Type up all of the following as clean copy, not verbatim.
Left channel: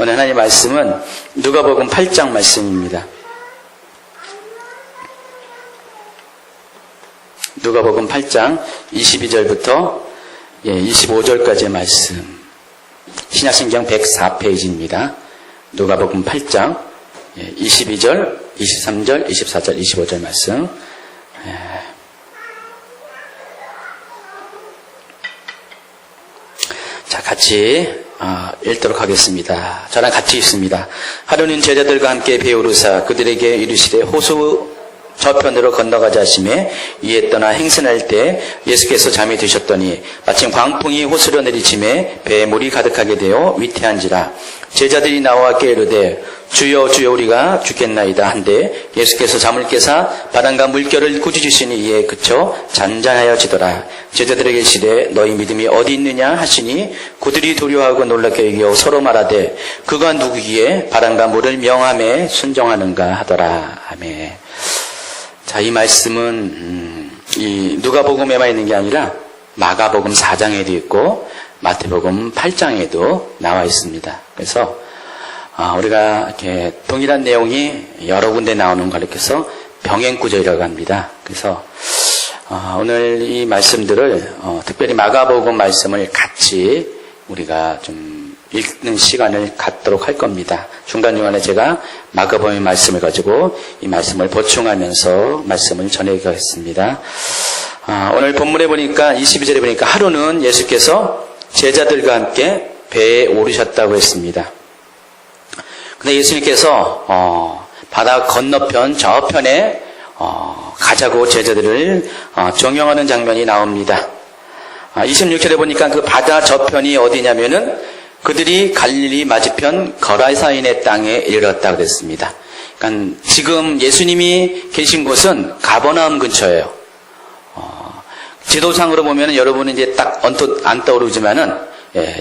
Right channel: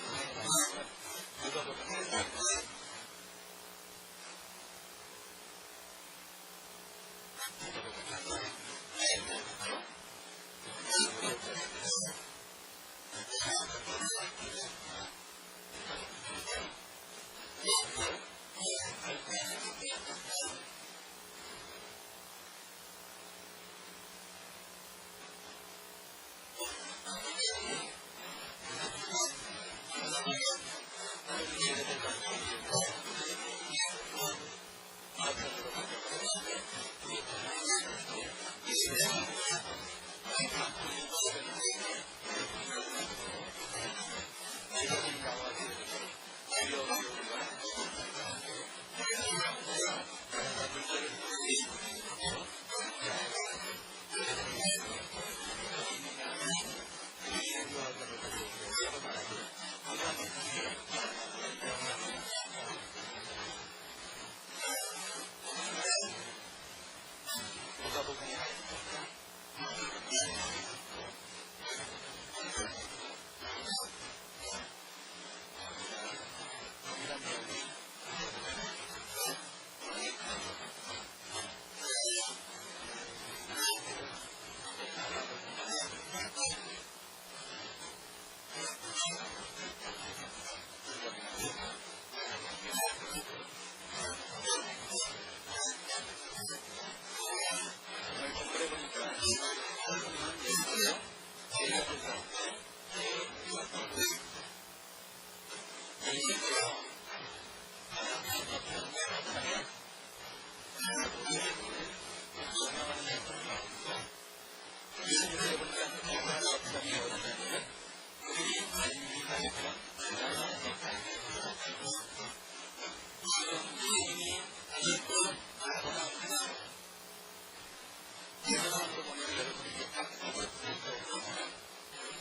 오늘 하나님의 말씀은 누가복음 8장 말씀입니다. 누가복음 8장 22절부터 25절까지의 말씀. 신약성경 104페이지입니다. 누가복음 8장 22절, 23절, 24절, 25절 말씀. 자, 같이 읽도록 하겠습니다. 저랑 같이 읽습니다. 하루는 제자들과 함께 배우르사 그들에게 이르시되 호수 저편으로 건너가자 하시매 이에 떠나 행선할 때 예수께서 잠이 드셨더니 마침 광풍이 호수로 내리침에 배에 물이 가득하게 되어 위태한지라. 제자들이 나와 깨르되 주여 주여 우리가 죽겠나이다 한데 예수께서 잠을 깨사 바람과 물결을 꾸짖으시니 이에 그쳐 잔잔하여지더라. 제자들에게 이르시되 너희 믿음이 어디 있느냐 하시니 그들이 두려워하고 놀랍게 여겨 서로 말하되 그가 누구기에 바람과 물을 명함에 순종하는가 하더라. 아멘. 자, 이 말씀은 이 누가복음에만 있는 게 아니라 마가복음 4장에도 있고 마태복음 8장에도 나와 있습니다. 그래서 우리가 이렇게 동일한 내용이 여러 군데 나오는 걸 이렇게서 병행구절이라고 합니다. 그래서 오늘 이 말씀들을 특별히 마가복음 말씀을 같이 우리가 좀 읽는 시간을 갖도록 할 겁니다. 중간중간에 제가 마가복음의 말씀을 가지고 이 말씀을 보충하면서 말씀을 전해가겠습니다. 오늘 본문에 보니까 22절에 보니까 하루는 예수께서 제자들과 함께 배에 오르셨다고 했습니다. 근데 예수님께서 바다 건너편 저편에 가자고 제자들을 정령하는 장면이 나옵니다. 26절에 보니까 그 바다 저편이 어디냐면은 그들이 갈릴리 맞은편 거라사인의 땅에 이르렀다고 그랬습니다. 그러니까 지금 예수님이 계신 곳은 가버나움 근처예요. 지도상으로 보면 여러분은 이제 딱 언뜻 안 떠오르지만은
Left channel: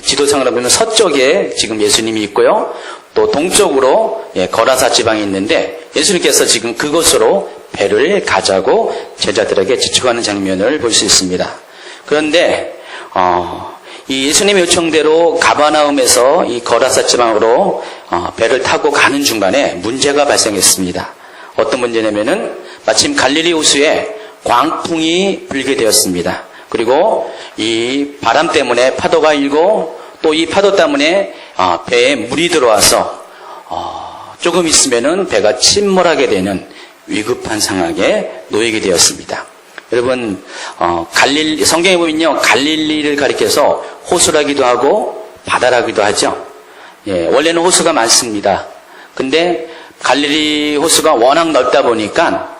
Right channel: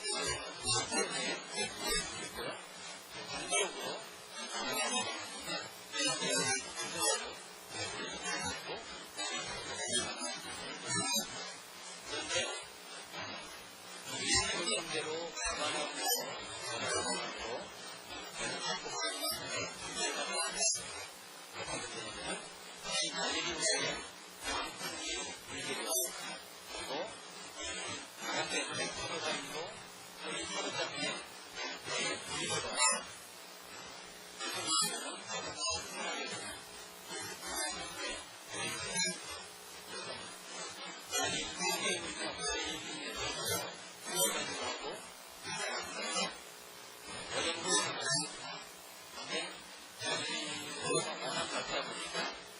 지도상으로 보면 서쪽에 지금 예수님이 있고요. 또 동쪽으로 거라사 지방이 있는데 예수님께서 지금 그곳으로 배를 가자고 제자들에게 지축하는 장면을 볼 수 있습니다. 그런데 이 예수님의 요청대로 가버나움에서 이 거라사 지방으로 배를 타고 가는 중간에 문제가 발생했습니다. 어떤 문제냐면은 마침 갈릴리 호수에 광풍이 불게 되었습니다. 그리고 이 바람 때문에 파도가 일고 또 이 파도 때문에 배에 물이 들어와서 조금 있으면은 배가 침몰하게 되는 위급한 상황에 놓이게 되었습니다. 여러분, 성경에 보면요, 갈릴리를 가리켜서 호수라기도 하고 바다라기도 하죠. 원래는 호수가 많습니다. 근데 갈릴리 호수가 워낙 넓다 보니까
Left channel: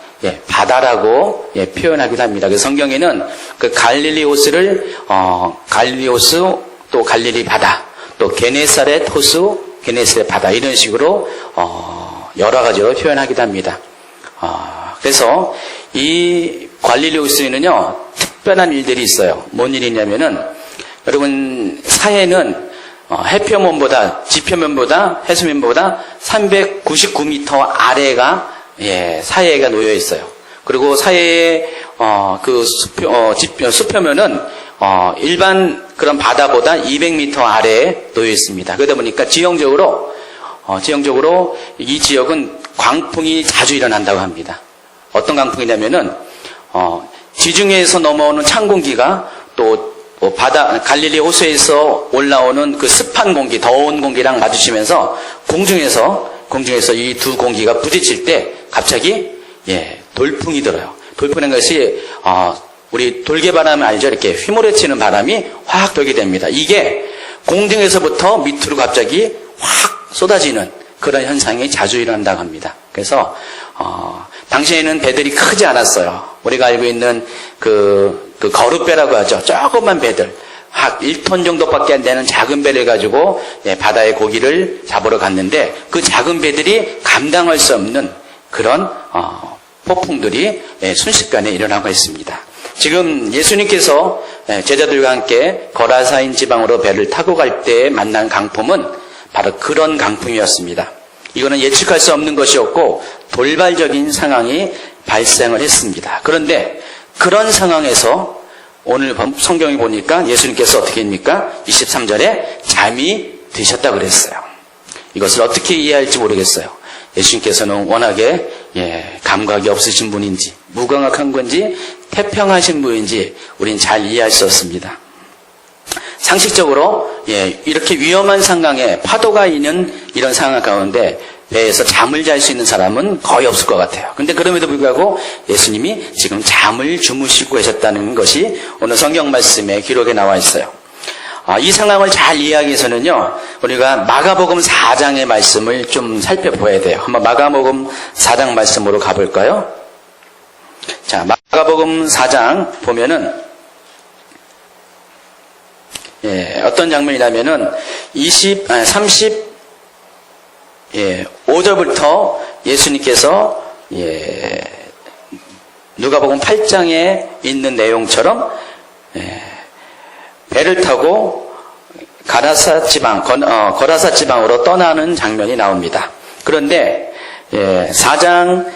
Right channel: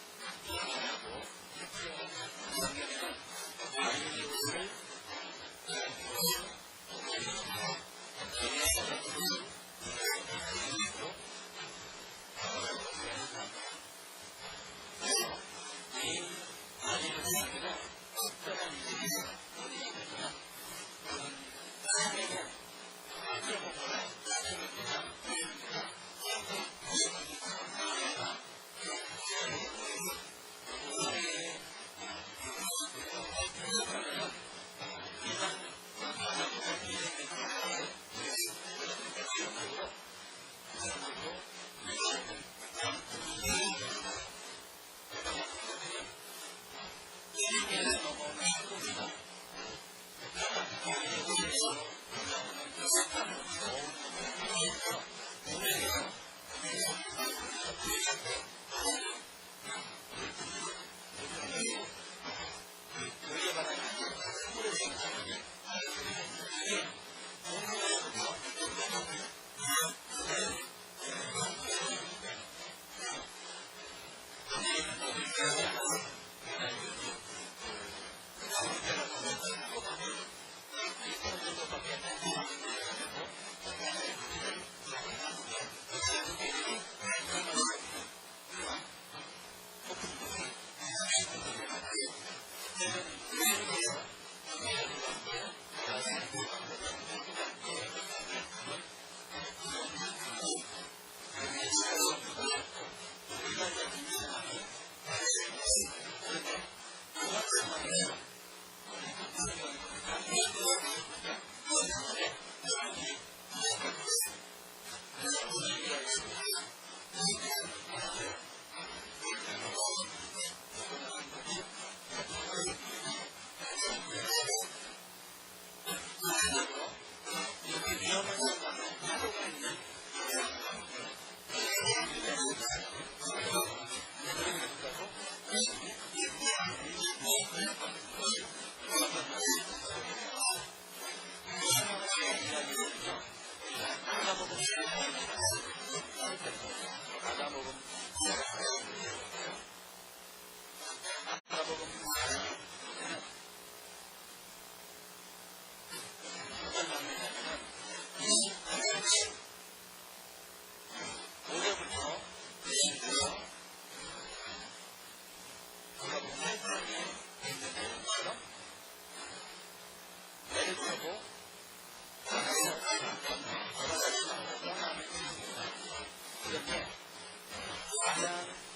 바다라고 표현하기도 합니다. 그래서 성경에는 그 갈릴리 호수를 갈릴리 호수, 또 갈릴리 바다, 또 게네사렛 호수, 게네사렛 바다 이런 식으로 여러 가지로 표현하기도 합니다. 그래서 이 갈릴리 호수에는요 특별한 일들이 있어요. 뭔 일이냐면은 여러분 사해는 해표면보다 지표면보다 해수면보다 399m 아래가 사해가 놓여 있어요. 그리고 사해의 그 수표면은 일반 그런 바다보다 200m 아래에 놓여 있습니다. 그러다 보니까 지형적으로 이 지역은 광풍이 자주 일어난다고 합니다. 어떤 광풍이냐면은 지중해에서 넘어오는 찬 공기가 또 바다 갈릴리 호수에서 올라오는 그 습한 공기, 더운 공기랑 마주치면서 공중에서 이 두 공기가 부딪힐 때 갑자기 돌풍이 들어요. 돌풍이라는 것이 우리 돌개바람 알죠? 이렇게 휘몰아치는 바람이 확 돌게 됩니다. 이게 공중에서부터 밑으로 갑자기 확 쏟아지는 그런 현상이 자주 일어난다고 합니다. 그래서 당시에는 배들이 크지 않았어요. 우리가 알고 있는 그 거룻배라고 하죠. 조그만 배들. 한 1톤 정도밖에 안 되는 작은 배를 가지고 바다의 고기를 잡으러 갔는데 그 작은 배들이 감당할 수 없는 그런 폭풍들이 순식간에 일어나고 있습니다. 지금 예수님께서 제자들과 함께 거라사인 지방으로 배를 타고 갈 때 만난 강풍은 바로 그런 강풍이었습니다. 이거는 예측할 수 없는 것이었고 돌발적인 상황이 발생을 했습니다. 그런데 그런 상황에서 오늘 성경에 보니까 예수님께서 어떻게 합니까? 23절에 잠이 드셨다고 그랬어요. 이것을 어떻게 이해할지 모르겠어요. 예수님께서는 워낙에 감각이 없으신 분인지 무감각한 건지 태평하신 분인지 우린 잘 이해할 수 없습니다. 상식적으로 이렇게 위험한 상황에 파도가 있는 이런 상황 가운데 배에서 잠을 잘 수 있는 사람은 거의 없을 것 같아요. 그런데 그럼에도 불구하고 예수님이 지금 잠을 주무시고 계셨다는 것이 오늘 성경 말씀에 기록에 나와 있어요. 이 상황을 잘 이해하기 위해서는요, 우리가 마가복음 4장의 말씀을 좀 살펴봐야 돼요. 한번 마가복음 4장 말씀으로 가볼까요? 자, 마가복음 4장 보면은 어떤 장면이냐면은 5절부터 예수님께서 누가복음 8장에 있는 내용처럼 배를 타고 거라사 지방으로 떠나는 장면이 나옵니다. 그런데 4장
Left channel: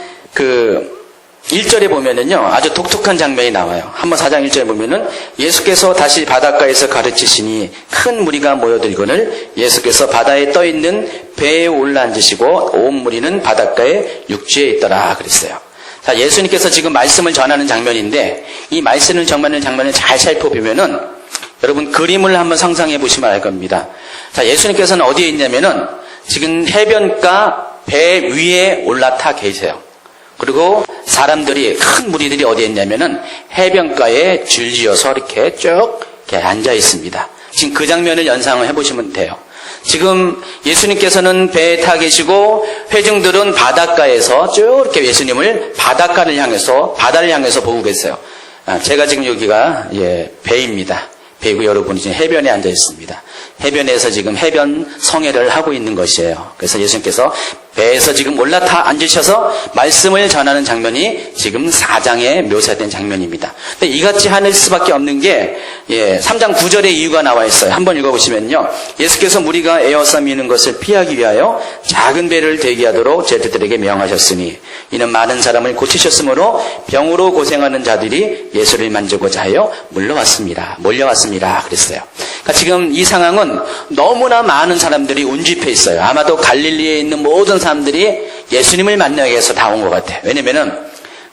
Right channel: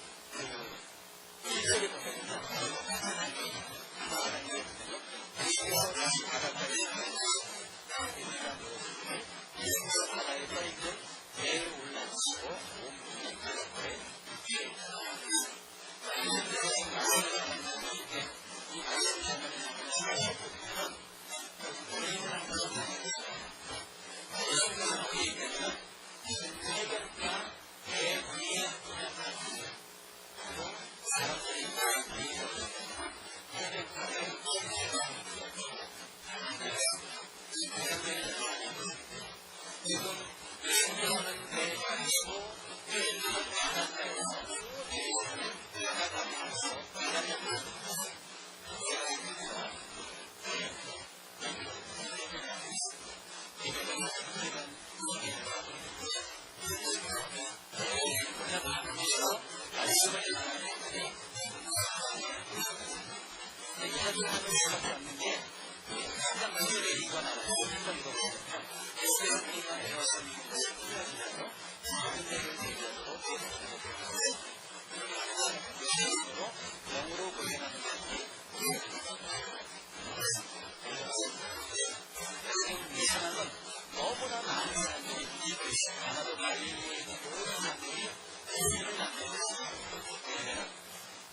1절에 보면은요, 아주 독특한 장면이 나와요. 한번 4장 1절에 보면은 예수께서 다시 바닷가에서 가르치시니 큰 무리가 모여들거늘 예수께서 바다에 떠 있는 배에 올라앉으시고 온 무리는 바닷가에 육지에 있더라 그랬어요. 자, 예수님께서 지금 말씀을 전하는 장면인데 이 말씀을 전하는 장면을 잘 살펴보면은 여러분 그림을 한번 상상해 보시면 알 겁니다. 자, 예수님께서는 어디에 있냐면은 지금 해변가 배 위에 올라타 계세요. 그리고 사람들이, 큰 무리들이 어디에 있냐면은 해변가에 줄지어서 이렇게 쭉 이렇게 앉아 있습니다. 지금 그 장면을 연상을 해보시면 돼요. 지금 예수님께서는 배에 타 계시고 회중들은 바닷가에서 쭉 이렇게 예수님을 바다를 향해서 보고 계세요. 제가 지금 여기가 배입니다. 배고 여러분이 지금 해변에 앉아 있습니다. 해변에서 지금 해변 성회를 하고 있는 것이에요. 그래서 예수님께서 배에서 지금 올라타 앉으셔서 말씀을 전하는 장면이 지금 4장에 묘사된 장면입니다. 근데 이같이 하는 수밖에 없는 게 3장 9절의 이유가 나와 있어요. 한번 읽어보시면요. 예수께서 무리가 에워싸 미는 것을 피하기 위하여 작은 배를 대기하도록 제자들에게 명하셨으니 이는 많은 사람을 고치셨으므로 병으로 고생하는 자들이 예수를 만지고자 하여 몰려왔습니다. 그랬어요. 그러니까 지금 이 상황은 너무나 많은 사람들이 운집해 있어요. 아마도 갈릴리에 있는 모든 사람들이 예수님을 만나기 위해서 다 온 것 같아요. 왜냐면은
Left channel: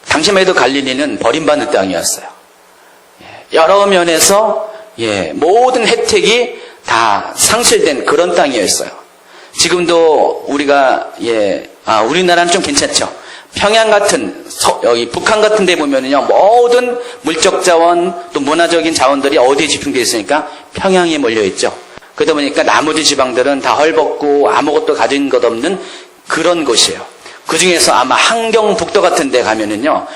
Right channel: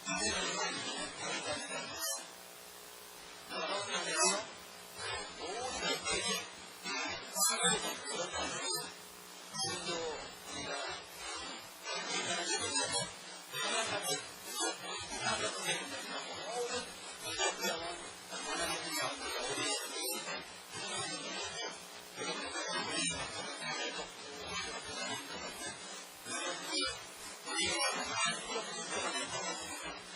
당시만 해도 갈릴리는 버림받는 땅이었어요. 여러 면에서 모든 혜택이 다 상실된 그런 땅이었어요. 지금도 우리나라는 좀 괜찮죠. 평양 같은 여기 북한 같은 데 보면은요, 모든 물적 자원 또 문화적인 자원들이 어디에 집중되어 있으니까 평양에 몰려 있죠. 그러다 보니까 나머지 지방들은 다 헐벗고 아무것도 가진 것 없는 그런 곳이에요. 그 중에서 아마 함경북도 같은 데 가면은요,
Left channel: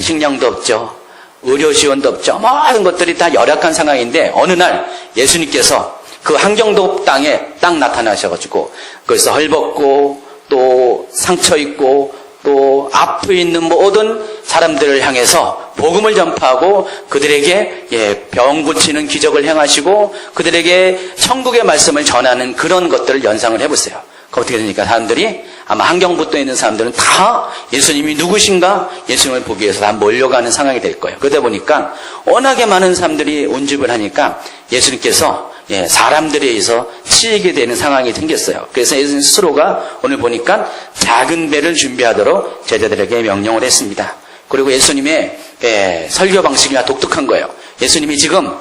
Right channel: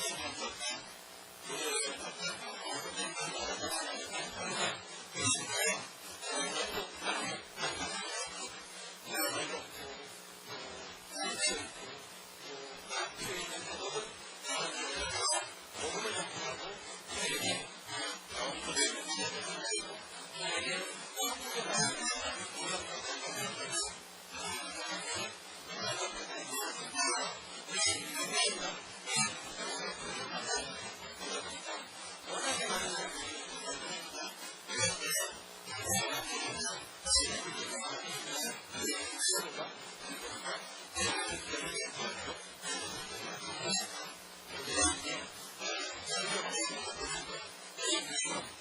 식량도 없죠. 의료 지원도 없죠. 모든 것들이 다 열악한 상황인데 어느 날 예수님께서 그 함경도 땅에 딱 나타나셔가지고 거기서 헐벗고 또 상처 있고 또 앞에 있는 모든 사람들을 향해서 복음을 전파하고 그들에게 병 고치는 기적을 행하시고 그들에게 천국의 말씀을 전하는 그런 것들을 연상을 해보세요. 어떻게 되니까 사람들이 아마 함경북도에 있는 사람들은 다 예수님이 누구신가 예수님을 보기 위해서 다 몰려가는 상황이 될 거예요. 그러다 보니까 워낙에 많은 사람들이 운집을 하니까 예수님께서 사람들에 의해서 치이게 되는 상황이 생겼어요. 그래서 예수님 스스로가 오늘 보니까 작은 배를 준비하도록 제자들에게 명령을 했습니다. 그리고 예수님의 설교 방식이 독특한 거예요. 예수님이 지금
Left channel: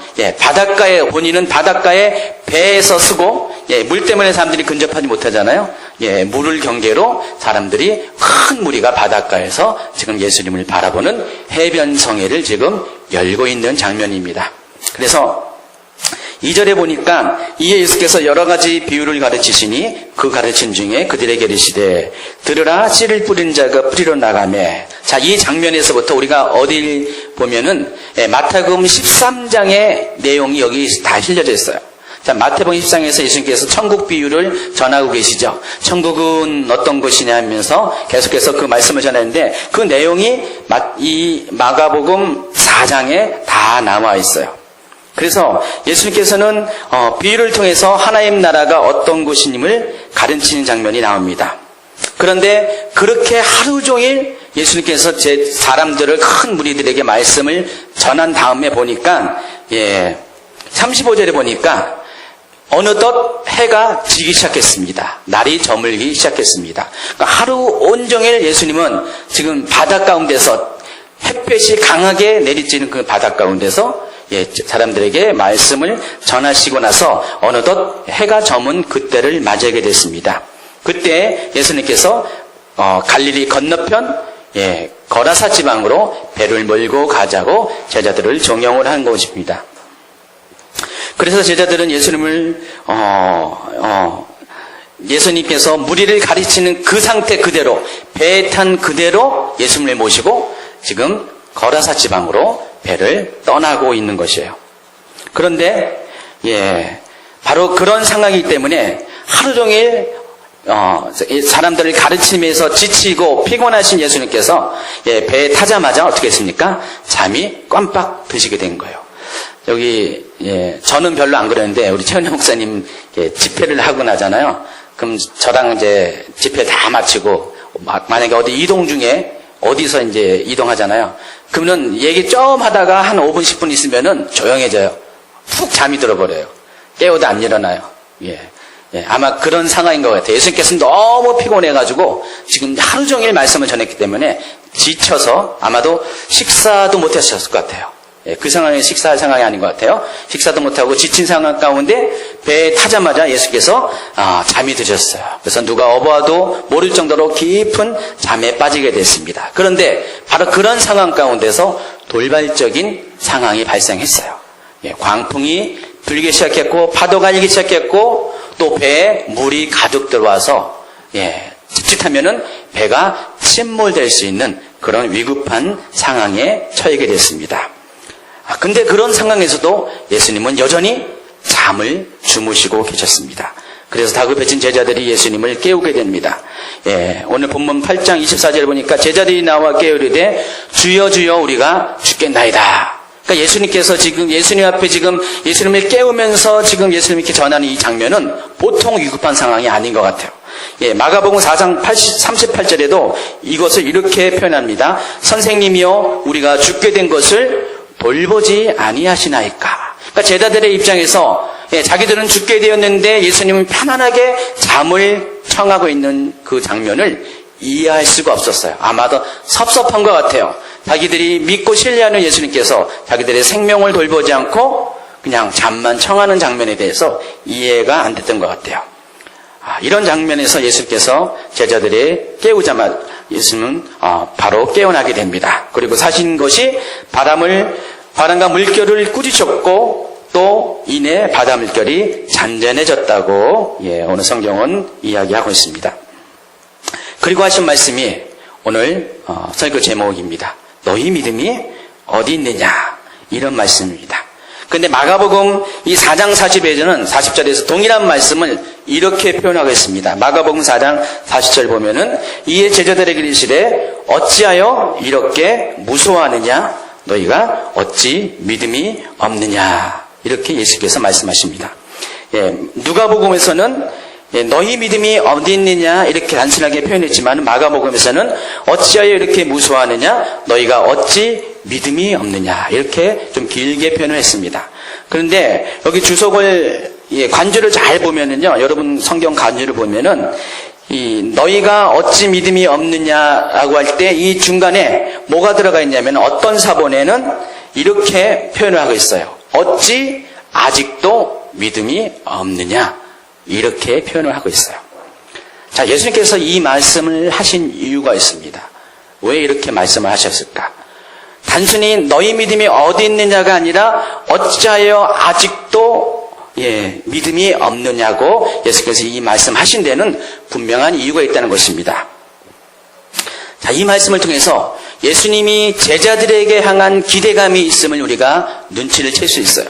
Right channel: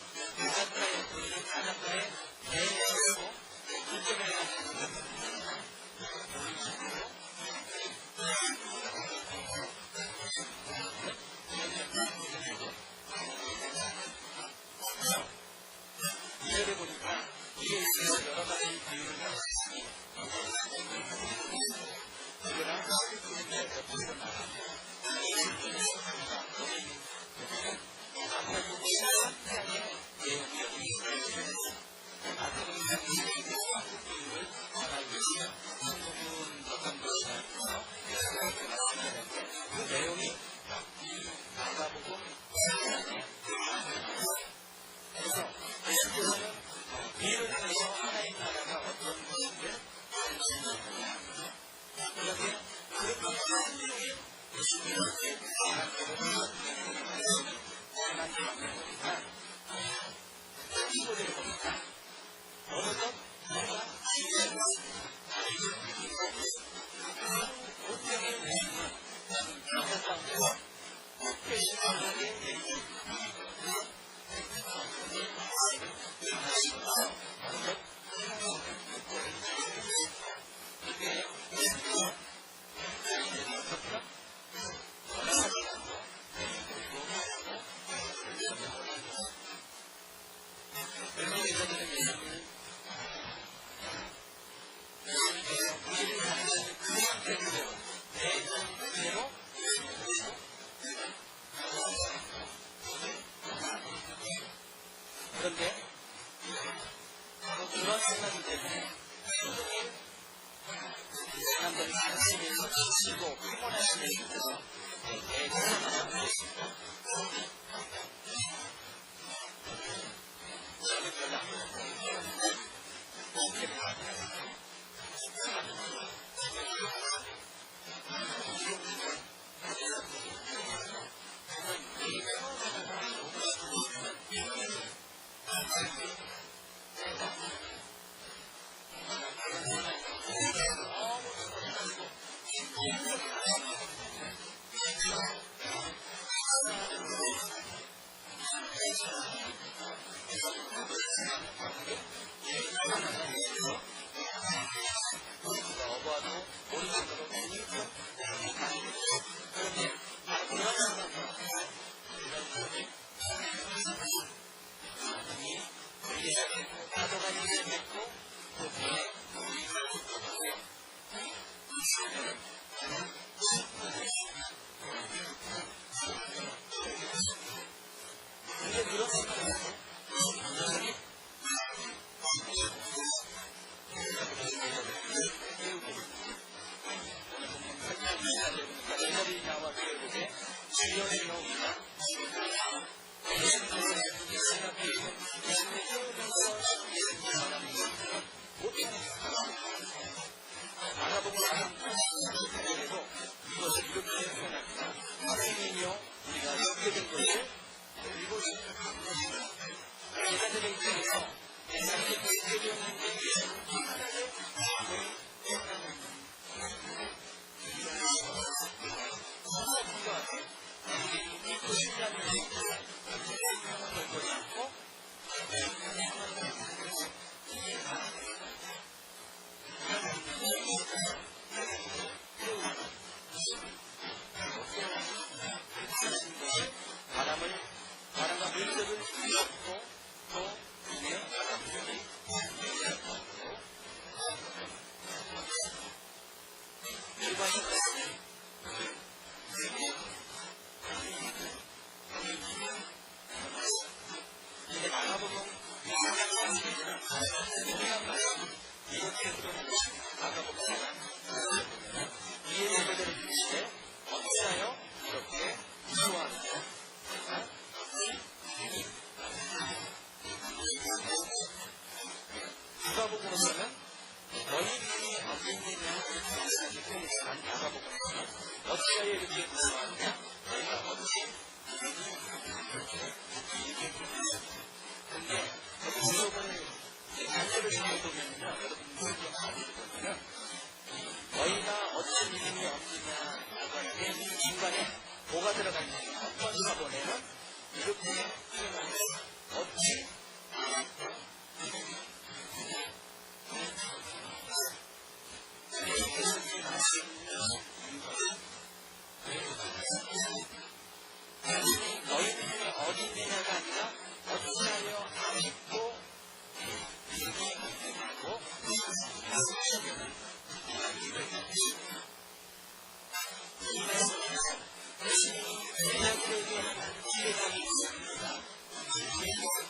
본인은 바닷가에 배에서 쓰고 물 때문에 사람들이 근접하지 못하잖아요. 물을 경계로 사람들이 큰 무리가 바닷가에서 지금 예수님을 바라보는 해변 성회를 지금 열고 있는 장면입니다. 그래서 2절에 보니까 이에 예수께서 여러 가지 비유를 가르치시니 그 가르친 중에 그들에게 이르시되 들으라 씨를 뿌린 자가 뿌리러 나가매. 자, 이 장면에서부터 우리가 어딜 보면은 마태복음 13장의 내용이 여기 다 실려져 있어요. 자, 마태복음 13장에서 예수님께서 천국 비유를 전하고 계시죠. 천국은 어떤 것이냐 하면서 계속해서 그 말씀을 전하는데 그 내용이 이 마가복음 4장에 다 나와 있어요. 그래서 예수님께서는 비유를 통해서 하나님 나라가 어떤 곳임을 가르치는 장면이 나옵니다. 그런데 그렇게 하루 종일 예수님께서 사람들을 큰 무리들에게 말씀을 전한 다음에 보니까 35절에 보니까 어느덧 해가 지기 시작했습니다. 날이 저물기 시작했습니다. 그러니까 하루 온종일 예수님은 지금 바닷 가운데서 햇볕이 강하게 내리쬐는 그 바닷 가운데서 사람들에게 말씀을 전하시고 나서 어느덧 해가 저문 그때를 맞이하게 됐습니다. 그때 예수님께서 갈릴리 건너편 거라사 지방으로 배를 몰고 가자고 제자들을 종용을 한 것입니다. 그래서 제자들은 예수님을 예수님께서 무리를 가르치는 그 상태 그대로 배에 탄 그대로 예수님을 모시고 지금 거라사 지방으로 배를 떠나고 있는 것이에요. 그런데 바로 그런 상황이기 때문에 하루 종일 사람들을 가르치면서 지치고 피곤하신 예수님께서 배에 타자마자 어떻게 했습니까? 잠이 깜빡 드시게 된 거예요. 여기 저는 별로 안 그러는데 우리 최은혜 목사님 집회를 하고 나잖아요. 그럼 저랑 이제 집회 다 마치고 만약에 어디 이동 중에 어디서 이제 이동하잖아요. 그러면 얘기 좀 하다가 한 5분 10분 있으면은 조용해져요. 푹 잠이 들어버려요. 깨워도 안 일어나요. 아마 그런 상황인 것 같아요. 예수님께서는 너무 피곤해가지고 지금 하루 종일 말씀을 전했기 때문에 지쳐서 아마도 식사도 못하셨을 것 같아요. 그 상황이 식사할 상황이 아닌 것 같아요. 식사도 못하고 지친 상황 가운데 배에 타자마자 예수께서 잠이 드셨어요. 그래서 누가 어보아도 모를 정도로 깊은 잠에 빠지게 됐습니다. 그런데 바로 그런 상황 가운데서 돌발적인 상황이 발생했어요. 광풍이 불기 시작했고 파도가 일기 시작했고 또 배에 물이 가득 들어와서 자칫하면은 배가 침몰될 수 있는 그런 위급한 상황에 처하게 됐습니다. 근데 그런 상황에서도 예수님은 여전히 잠을 주무시고 계셨습니다. 그래서 다급해진 제자들이 예수님을 깨우게 됩니다. 오늘 본문 8장 24절 보니까 제자들이 나와 깨우리되 주여 주여 우리가 죽겠나이다. 그러니까 예수님께서 지금 예수님 앞에 지금 예수님을 깨우면서 지금 예수님 이렇게 전하는 이 장면은 보통 위급한 상황이 아닌 것 같아요. 마가복음 4장 38절에도 이것을 이렇게 표현합니다. 선생님이여 우리가 죽게 된 것을 돌보지 아니하시나이까. 그러니까 제자들의 입장에서 자기들은 죽게 되었는데 예수님은 편안하게 잠을 청하고 있는 그 장면을 이해할 수가 없었어요. 아마도 섭섭한 것 같아요. 자기들이 믿고 신뢰하는 예수님께서 자기들의 생명을 돌보지 않고 그냥 잠만 청하는 장면에 대해서 이해가 안 됐던 것 같아요. 이런 장면에서 예수님께서 제자들의 깨우자마자 예수님은 바로 깨어나게 됩니다. 그리고 사신 것이 바람과 물결을 꾸짖었고 또 이내 바다 물결이 잔잔해졌다고 오늘 성경은 이야기하고 있습니다. 그리고 하신 말씀이 오늘 설교 제목입니다. 너희 믿음이 어디 있느냐 이런 말씀입니다. 그런데 마가복음 이 4장 40절에서 동일한 말씀을 이렇게 표현하고 있습니다. 마가복음 4장 40절 보면은 이에 제자들에게 이르시되 어찌하여 이렇게 무서워하느냐 너희가 어찌 믿음이 없느냐 이렇게 예수께서 말씀하십니다. 누가복음에서는 너희 믿음이 어디 있느냐 이렇게 단순하게 표현했지만 마가복음에서는 어찌하여 이렇게 무서워하느냐 너희가 어찌 믿음이 없느냐 이렇게 좀 길게 표현을 했습니다. 그런데 여기 주석을 관주를 잘 보면은요 여러분 성경 관주를 보면은 이 너희가 어찌 믿음이 없느냐라고 할 때 이 중간에 뭐가 들어가 있냐면 어떤 사본에는 이렇게 표현을 하고 있어요. 어찌 아직도 믿음이 없느냐 이렇게 표현을 하고 있어요. 자, 예수님께서 이 말씀을 하신 이유가 있습니다. 왜 이렇게 말씀을 하셨을까? 단순히 너희 믿음이 어디 있느냐가 아니라 어찌하여 아직도 믿음이 없느냐고 예수께서 이 말씀하신 데는 분명한 이유가 있다는 것입니다. 자, 이 말씀을 통해서 예수님이 제자들에게 향한 기대감이 있음을 우리가 눈치를 챌 수 있어요.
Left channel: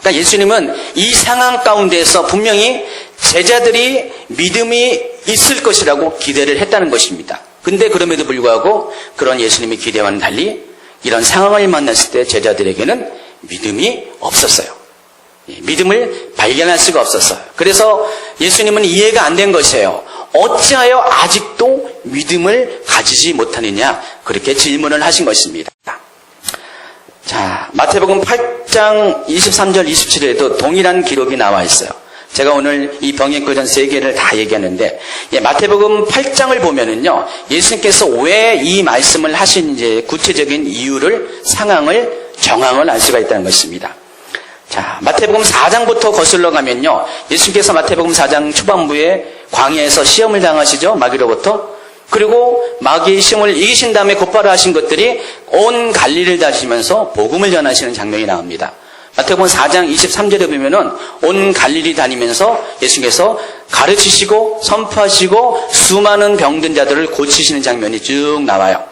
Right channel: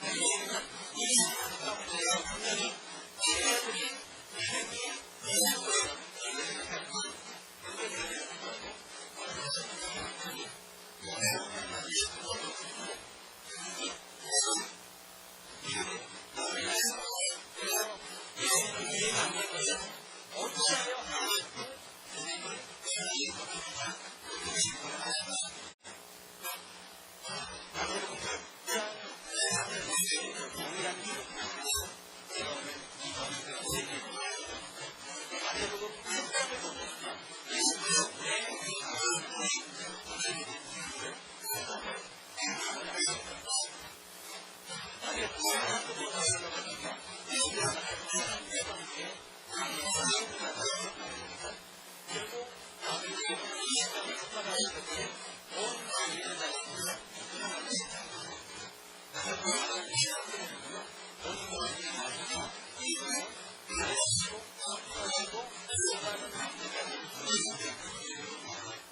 그러니까 예수님은 이 상황 가운데서 분명히 제자들이 믿음이 있을 것이라고 기대를 했다는 것입니다. 근데 그럼에도 불구하고 그런 예수님의 기대와는 달리 이런 상황을 만났을 때 제자들에게는 믿음이 없었어요. 믿음을 발견할 수가 없었어요. 그래서 예수님은 이해가 안 된 것이에요. 어찌하여 아직도 믿음을 가지지 못하느냐 그렇게 질문을 하신 것입니다. 자, 마태복음 8장 23절 27절에도 동일한 기록이 나와 있어요. 제가 오늘 이 병행거전 3개를 다 얘기하는데, 마태복음 8장을 보면은요, 예수님께서 왜 이 말씀을 하시는지 구체적인 이유를, 상황을, 정황을 알 수가 있다는 것입니다. 자, 마태복음 4장부터 거슬러 가면요, 예수님께서 마태복음 4장 초반부에 광야에서 시험을 당하시죠, 마귀로부터. 그리고 마귀의 시험을 이기신 다음에 곧바로 하신 것들이 온 갈릴리를 다니시면서 복음을 전하시는 장면이 나옵니다. 마태복음 4장 23절에 보면은 온 갈릴리 다니면서 예수님께서 가르치시고 선포하시고 수많은 병든 자들을 고치시는 장면이 쭉 나와요.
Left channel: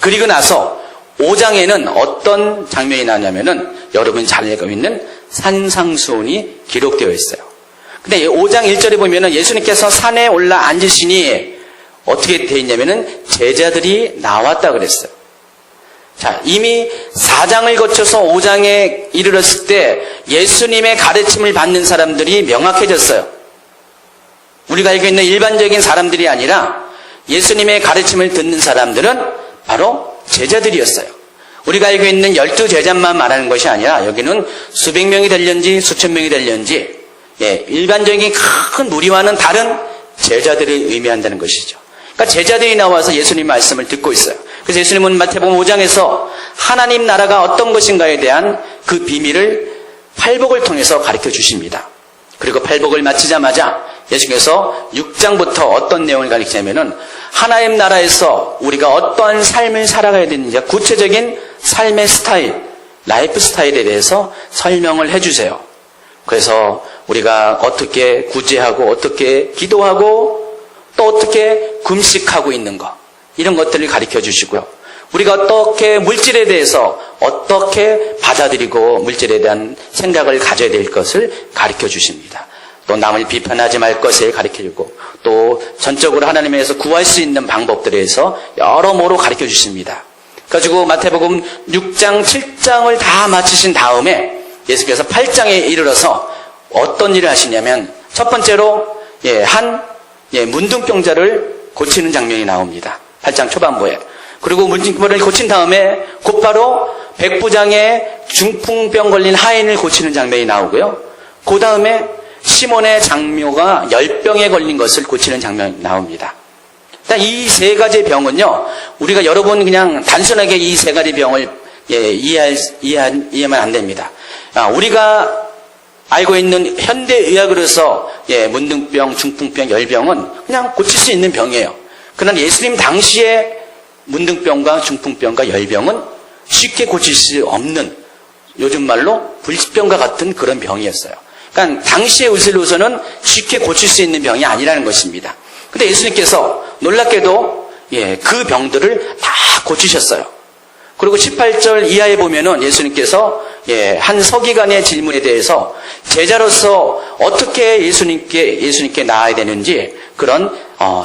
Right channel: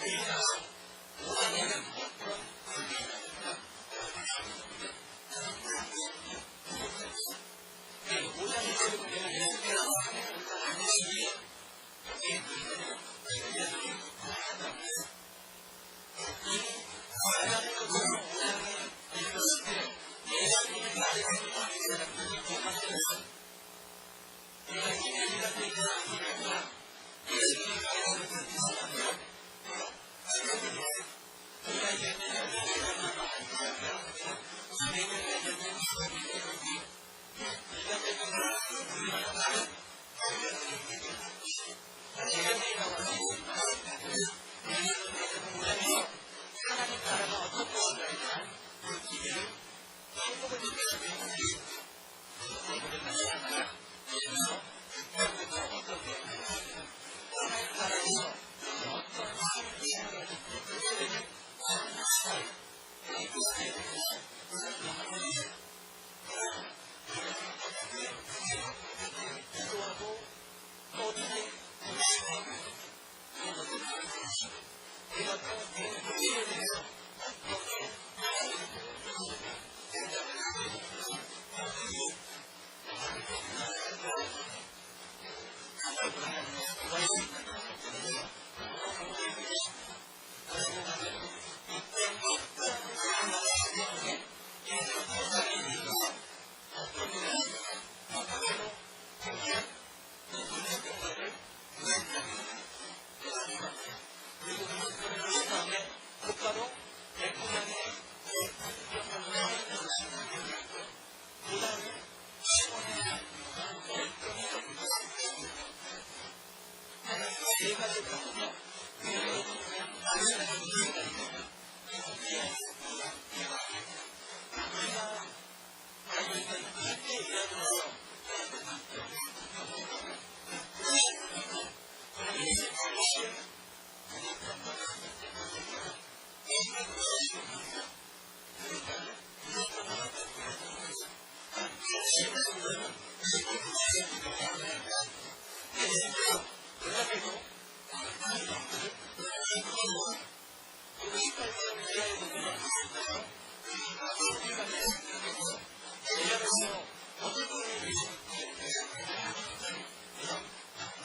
그리고 나서 5장에는 어떤 장면이 나냐면은 여러분이 잘 알고 있는 산상수훈이 기록되어 있어요. 근데 5장 1절에 보면은 예수님께서 산에 올라 앉으시니 어떻게 되어 있냐면은 제자들이 나왔다 그랬어요. 자, 이미 4장을 거쳐서 5장에 이르렀을 때 예수님의 가르침을 받는 사람들이 명확해졌어요. 우리가 알고 있는 일반적인 사람들이 아니라 예수님의 가르침을 듣는 사람들은 바로 제자들이었어요. 우리가 알고 있는 12제자만 말하는 것이 아니라 여기는 수백 명이 될런지 수천 명이 될런지 일반적인 큰 무리와는 다른 제자들을 의미한다는 것이죠. 그러니까 제자들이 나와서 예수님 말씀을 듣고 있어요. 그래서 예수님은 마태복음 5장에서 하나님 나라가 어떤 것인가에 대한 그 비밀을 팔복을 통해서 가르쳐 주십니다. 그리고 팔복을 마치자마자 예수님께서 6장부터 어떤 내용을 가르치냐면은 하나님 나라에서 우리가 어떠한 삶을 살아가야 되는지 구체적인 삶의 스타일, 라이프 스타일에 대해서 설명을 해주세요. 그래서 우리가 어떻게 구제하고 어떻게 기도하고 또 어떻게 금식하고 있는 것, 이런 것들을 가르쳐 주시고요. 우리가 어떻게 물질에 대해서 어떻게 받아들이고 물질에 대한 생각을 가져야 될 것을 가르쳐 주십니다. 또 남을 비판하지 말 것을 가르쳐 주고 또 전적으로 하나님에서 구할 수 있는 방법들에 대해서 여러모로 가르쳐 주십니다. 그래가지고 마태복음 6장, 7장을 다 마치신 다음에 예수께서 8장에 이르러서 어떤 일을 하시냐면 첫 번째로 문둥병자를 고치는 장면이 나옵니다. 8장 초반부에. 그리고 문둥병을 고친 다음에 곧바로 백부장의 중풍병 걸린 하인을 고치는 장면이 나오고요. 그 다음에 시몬의 장묘가 열병에 걸린 것을 고치는 장면이 나옵니다. 이 3가지 병은요, 우리가 여러분 그냥 단순하게 이 3가지 병을 이해하면 안 됩니다. 우리가 알고 있는 현대의학으로서 문둥병, 중풍병, 열병은 그냥 고칠 수 있는 병이에요. 그러나 예수님 당시에 문둥병과 중풍병과 열병은 쉽게 고칠 수 없는, 요즘 말로 불치병과 같은 그런 병이었어요. 그러니까 당시의 의술로서는 쉽게 고칠 수 있는 병이 아니라는 것입니다. 근데 예수님께서 놀랍게도 그 병들을 다 고치셨어요. 그리고 18절 이하에 보면은 예수님께서 한 서기관의 질문에 대해서 제자로서 어떻게 예수님께 나아야 되는지 그런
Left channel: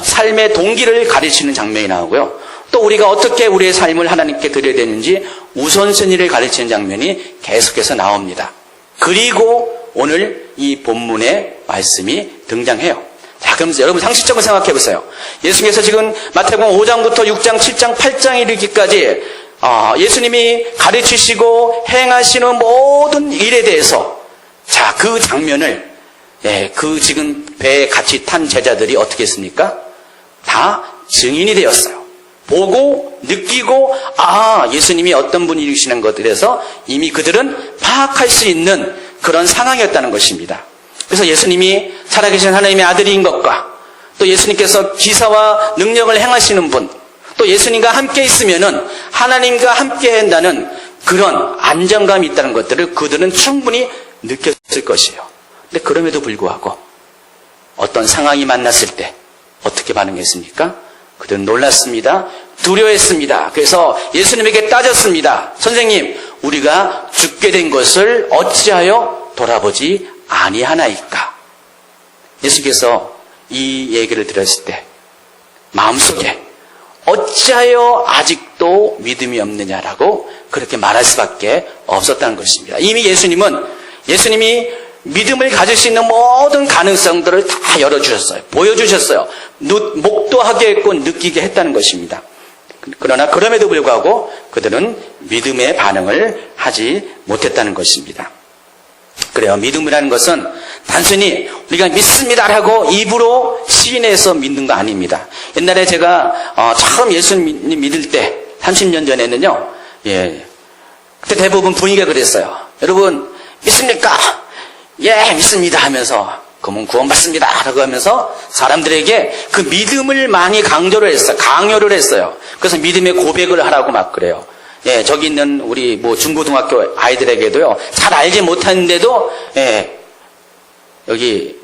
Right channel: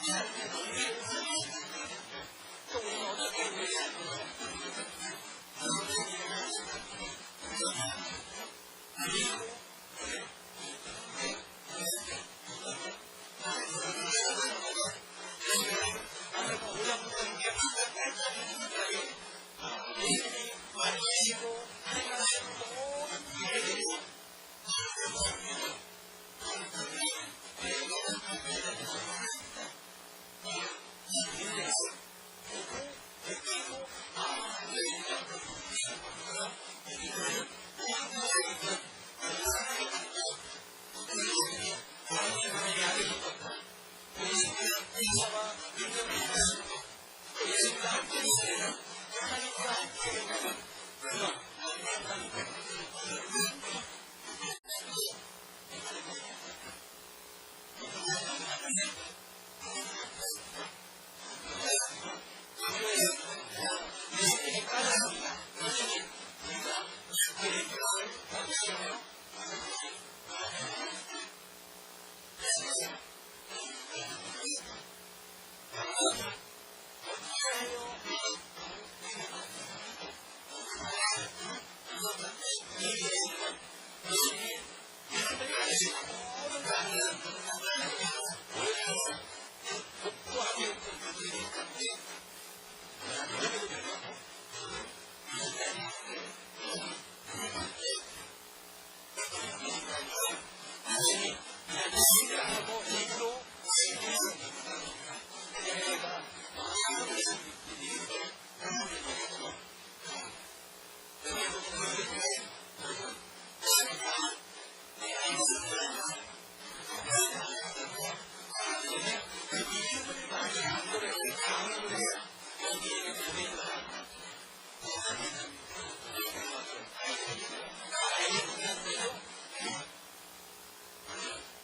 삶의 동기를 가르치는 장면이 나오고요. 또 우리가 어떻게 우리의 삶을 하나님께 드려야 되는지 우선순위를 가르치는 장면이 계속해서 나옵니다. 그리고 오늘 이 본문의 말씀이 등장해요. 자, 그럼 여러분 상식적으로 생각해 보세요. 예수님께서 지금 마태복음 5장부터 6장, 7장, 8장 이르기까지 예수님이 가르치시고 행하시는 모든 일에 대해서 자, 그 장면을 그 지금 배에 같이 탄 제자들이 어떻게 했습니까? 다 증인이 되었어요. 보고 느끼고 예수님이 어떤 분이시는 것에 대해서 이미 그들은 파악할 수 있는 그런 상황이었다는 것입니다. 그래서 예수님이 살아계신 하나님의 아들인 것과 또 예수님께서 기사와 능력을 행하시는 분, 또 예수님과 함께 있으면은 하나님과 함께 한다는 그런 안정감이 있다는 것들을 그들은 충분히 느꼈을 것이에요. 근데 그럼에도 불구하고 어떤 상황이 만났을 때 어떻게 반응했습니까? 그들은 놀랐습니다. 두려워했습니다. 그래서 예수님에게 따졌습니다. 선생님, 우리가 죽게 된 것을 어찌하여 돌아보지 아니하나이까? 예수께서 이 얘기를 들었을 때 마음속에 어찌하여 아직도 믿음이 없느냐라고 그렇게 말할 수밖에 없었다는 것입니다. 이미 예수님이 믿음을 가질 수 있는 모든 가능성들을 다 열어주셨어요. 보여주셨어요. 목도하게 했고 느끼게 했다는 것입니다. 그러나 그럼에도 불구하고 그들은 믿음의 반응을 하지 못했다는 것입니다. 그래요. 믿음이라는 것은 단순히 우리가 믿습니다라고 입으로 시인해서 믿는 거 아닙니다. 옛날에 제가 처음 예수님 믿을 때 30년 전에는요. 그때 대부분 분위기가 그랬어요. 여러분 믿습니까? 예, 믿습니다 하면서 그러면 구원받습니다 라고 하면서 사람들에게 그 믿음을 많이 강요를 했어요. 그래서 믿음의 고백을 하라고 막 그래요. 예, 저기 있는 우리 중고등학교 아이들에게도요. 잘 알지 못하는데도 여기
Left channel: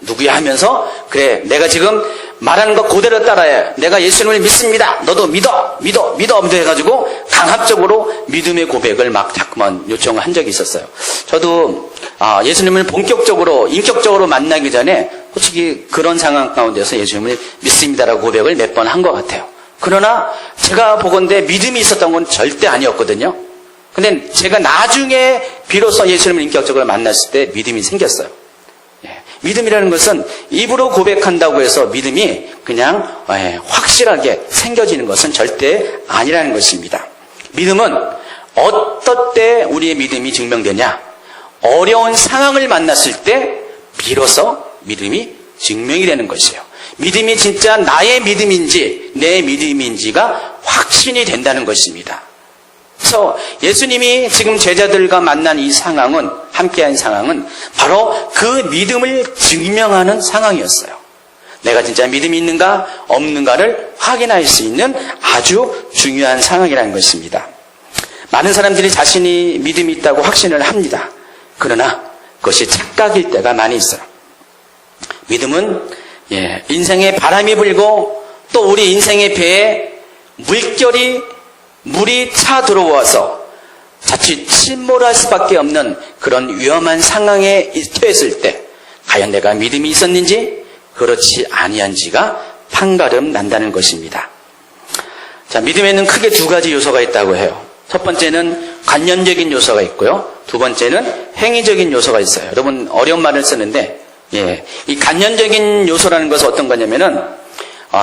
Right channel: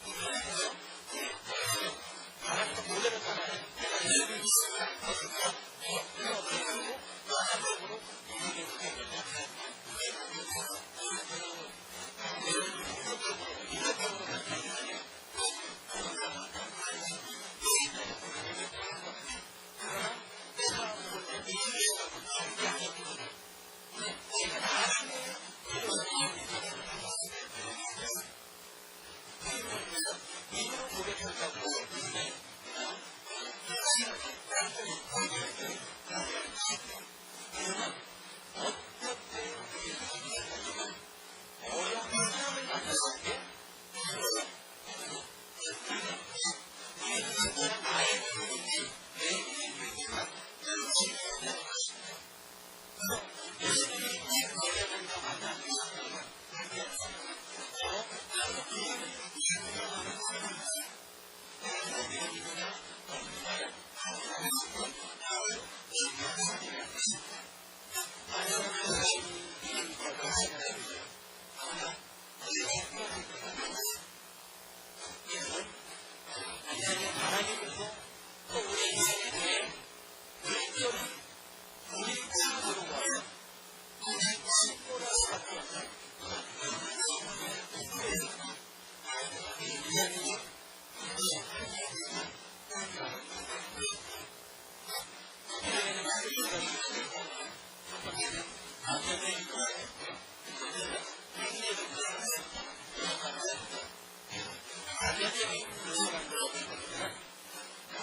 누구야 하면서 그래 내가 지금 말하는 거 그대로 따라해. 내가 예수님을 믿습니다. 너도 믿어 해가지고 강압적으로 믿음의 고백을 막 자꾸만 요청을 한 적이 있었어요. 저도 예수님을 본격적으로 인격적으로 만나기 전에 솔직히 그런 상황 가운데서 예수님을 믿습니다라고 고백을 몇 번 한 것 같아요. 그러나 제가 보건대 믿음이 있었던 건 절대 아니었거든요. 근데 제가 나중에 비로소 예수님을 인격적으로 만났을 때 믿음이 생겼어요. 믿음이라는 것은 입으로 고백한다고 해서 믿음이 그냥 확실하게 생겨지는 것은 절대 아니라는 것입니다. 믿음은 어떨 때 우리의 믿음이 증명되냐? 어려운 상황을 만났을 때 비로소 믿음이 증명이 되는 것이에요. 믿음이 진짜 나의 믿음인지 내 믿음인지가 확신이 된다는 것입니다. 그래서 예수님이 지금 제자들과 만난 이 상황은, 함께한 상황은 바로 그 믿음을 증명하는 상황이었어요. 내가 진짜 믿음이 있는가 없는가를 확인할 수 있는 아주 중요한 상황이라는 것입니다. 많은 사람들이 자신이 믿음이 있다고 확신을 합니다. 그러나 그것이 착각일 때가 많이 있어요. 믿음은 인생에 바람이 불고 또 우리 인생의 배에 물이 차 들어와서 자칫 침몰할 수밖에 없는 그런 위험한 상황에 처했을 때 과연 내가 믿음이 있었는지 그렇지 아니한지가 판가름 난다는 것입니다. 자, 믿음에는 크게 두 가지 요소가 있다고 해요. 첫 번째는 관념적인 요소가 있고요. 두 번째는 행위적인 요소가 있어요. 여러분 어려운 말을 쓰는데 이 관념적인 요소라는 것은 어떤 거냐면은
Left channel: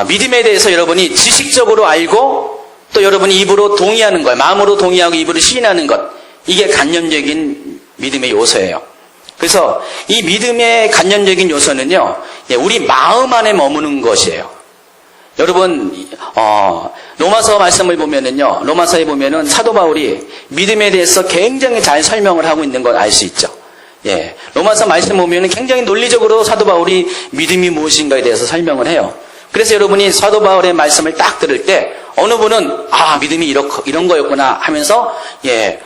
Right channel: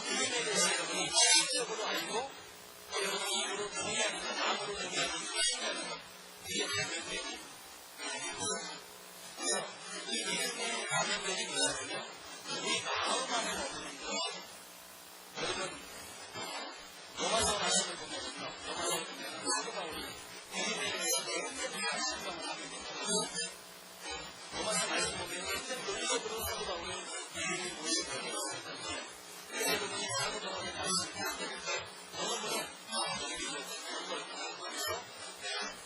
믿음에 대해서 여러분이 지식적으로 알고 또 여러분이 입으로 동의하는 것, 마음으로 동의하고 입으로 시인하는 것, 이게 관념적인 믿음의 요소예요. 그래서 이 믿음의 관념적인 요소는요, 우리 마음 안에 머무는 것이에요. 여러분, 로마서 말씀을 보면은요, 로마서에 보면은 사도 바울이 믿음에 대해서 굉장히 잘 설명을 하고 있는 걸 알 수 있죠. 로마서 말씀 보면은 굉장히 논리적으로 사도 바울이 믿음이 무엇인가에 대해서 설명을 해요. 그래서 여러분이 사도 바울의 말씀을 딱 들을 때 어느 분은 믿음이 이런 거였구나 하면서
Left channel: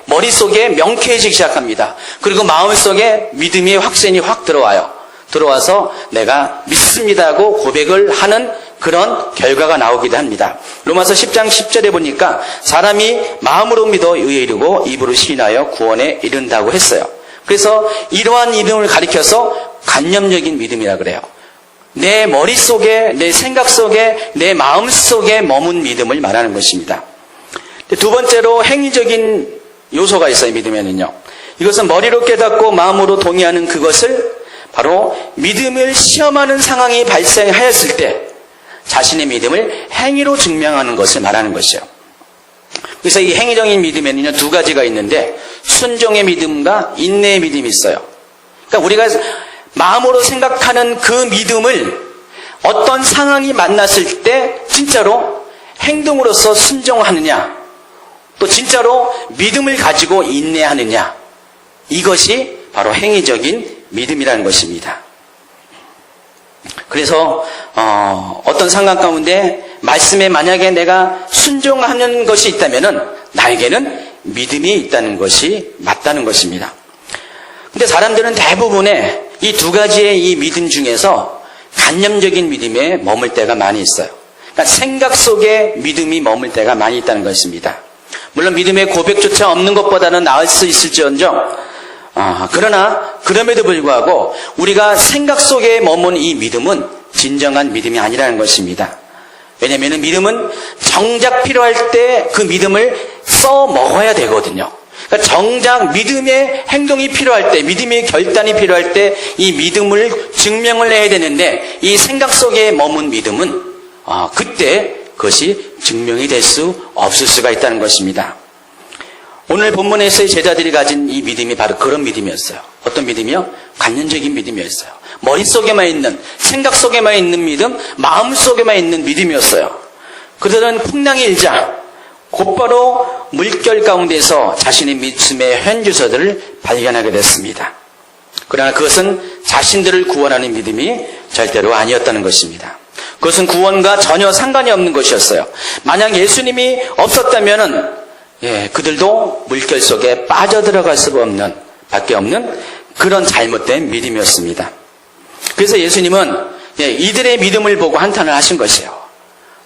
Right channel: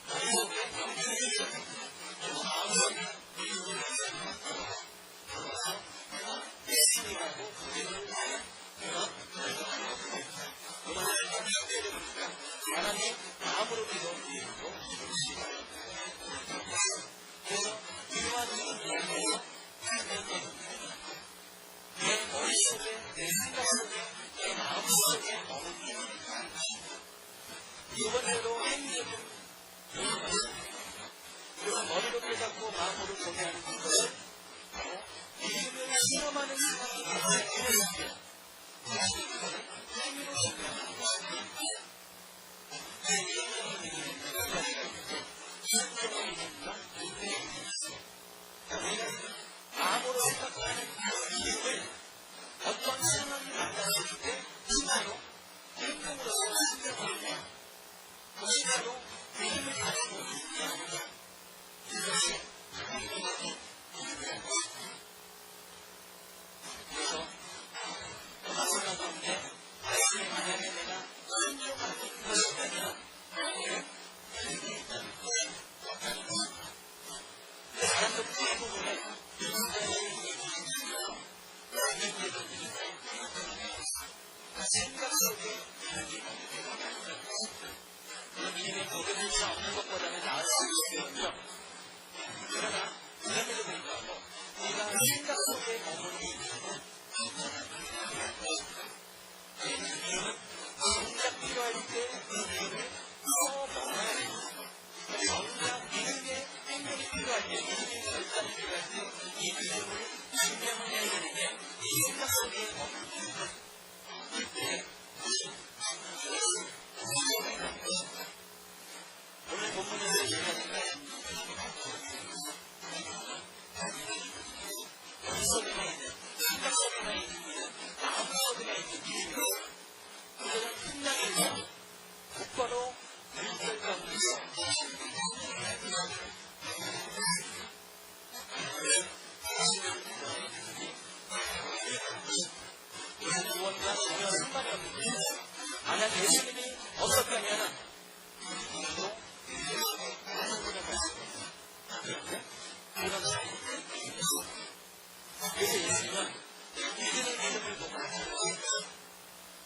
머릿속에 명쾌해지기 시작합니다. 그리고 마음속에 믿음의 확신이 확 들어와서 내가 믿습니다고 고백을 하는 그런 결과가 나오기도 합니다. 로마서 10장 10절에 보니까 사람이 마음으로 믿어 의에 이르고 입으로 시인하여 구원에 이른다고 했어요. 그래서 이러한 믿음을 가리켜서 관념적인 믿음이라 그래요. 내 머릿속에, 내 생각 속에, 내 마음 속에 머문 믿음을 말하는 것입니다. 두 번째로 행위적인 요소가 있어요, 믿음에는요. 이것은 머리로 깨닫고 마음으로 동의하는 그것을 바로 믿음을 시험하는 상황이 발생하였을 때 자신의 믿음을 행위로 증명하는 것을 말하는 것이에요. 그래서 이 행위적인 믿음에는요, 두 가지가 있는데 순종의 믿음과 인내의 믿음이 있어요. 그러니까 우리가 마음으로 생각하는 그 믿음을 어떤 상황이 만났을 때 진짜로 행동으로서 순종하느냐, 또 진짜로 믿음을 가지고 인내하느냐, 이것이 바로 행위적인 믿음이라는 것입니다. 그래서 어떤 상황 가운데 말씀에 만약에 내가 순종하는 것이 있다면은 나에게는 믿음이 있다는 것이 맞다는 것입니다. 근데 사람들은 대부분의 이 두 가지의 이 믿음 중에서 관념적인 믿음에 머물 때가 많이 있어요. 그러니까 생각 속에 믿음이 머물 때가 많이 있다는 것입니다. 물론 믿음의 고백조차 없는 것보다는 나을 수 있을지언정 그러나 그럼에도 불구하고 우리가 생각 속에 머문 이 믿음은 진정한 믿음이 아니라는 것입니다. 왜냐하면 믿음은 정작 필요할 때 그 믿음을 써먹어야 되거든요. 그러니까 정작 믿음의 행동이 필요할 때, 믿음의 결단이 필요할 때 이 믿음을 증명을 해야 되는데 이 생각 속에 머문 믿음은 그때 그것이 증명이 될 수 없을 수가 있다는 것입니다. 오늘 본문에서의 제자들이 가진 이 믿음이 바로 그런 믿음이었어요. 어떤 믿음이요? 관념적인 믿음이었어요. 머릿속에만 있는, 생각 속에만 있는 믿음, 마음 속에만 있는 믿음이었어요. 그들은 풍랑이 일자 곧바로 물결 가운데서 자신의 믿음의 현주소들을 발견하게 됐습니다. 그러나 그것은 자신들을 구원하는 믿음이 절대로 아니었다는 것입니다. 그것은 구원과 전혀 상관이 없는 것이었어요. 만약 예수님이 없었다면은 그들도 물결 속에 빠져들어갈 수밖에 없는 그런 잘못된 믿음이었습니다. 그래서 예수님은 이들의 믿음을 보고 한탄을 하신 것이에요.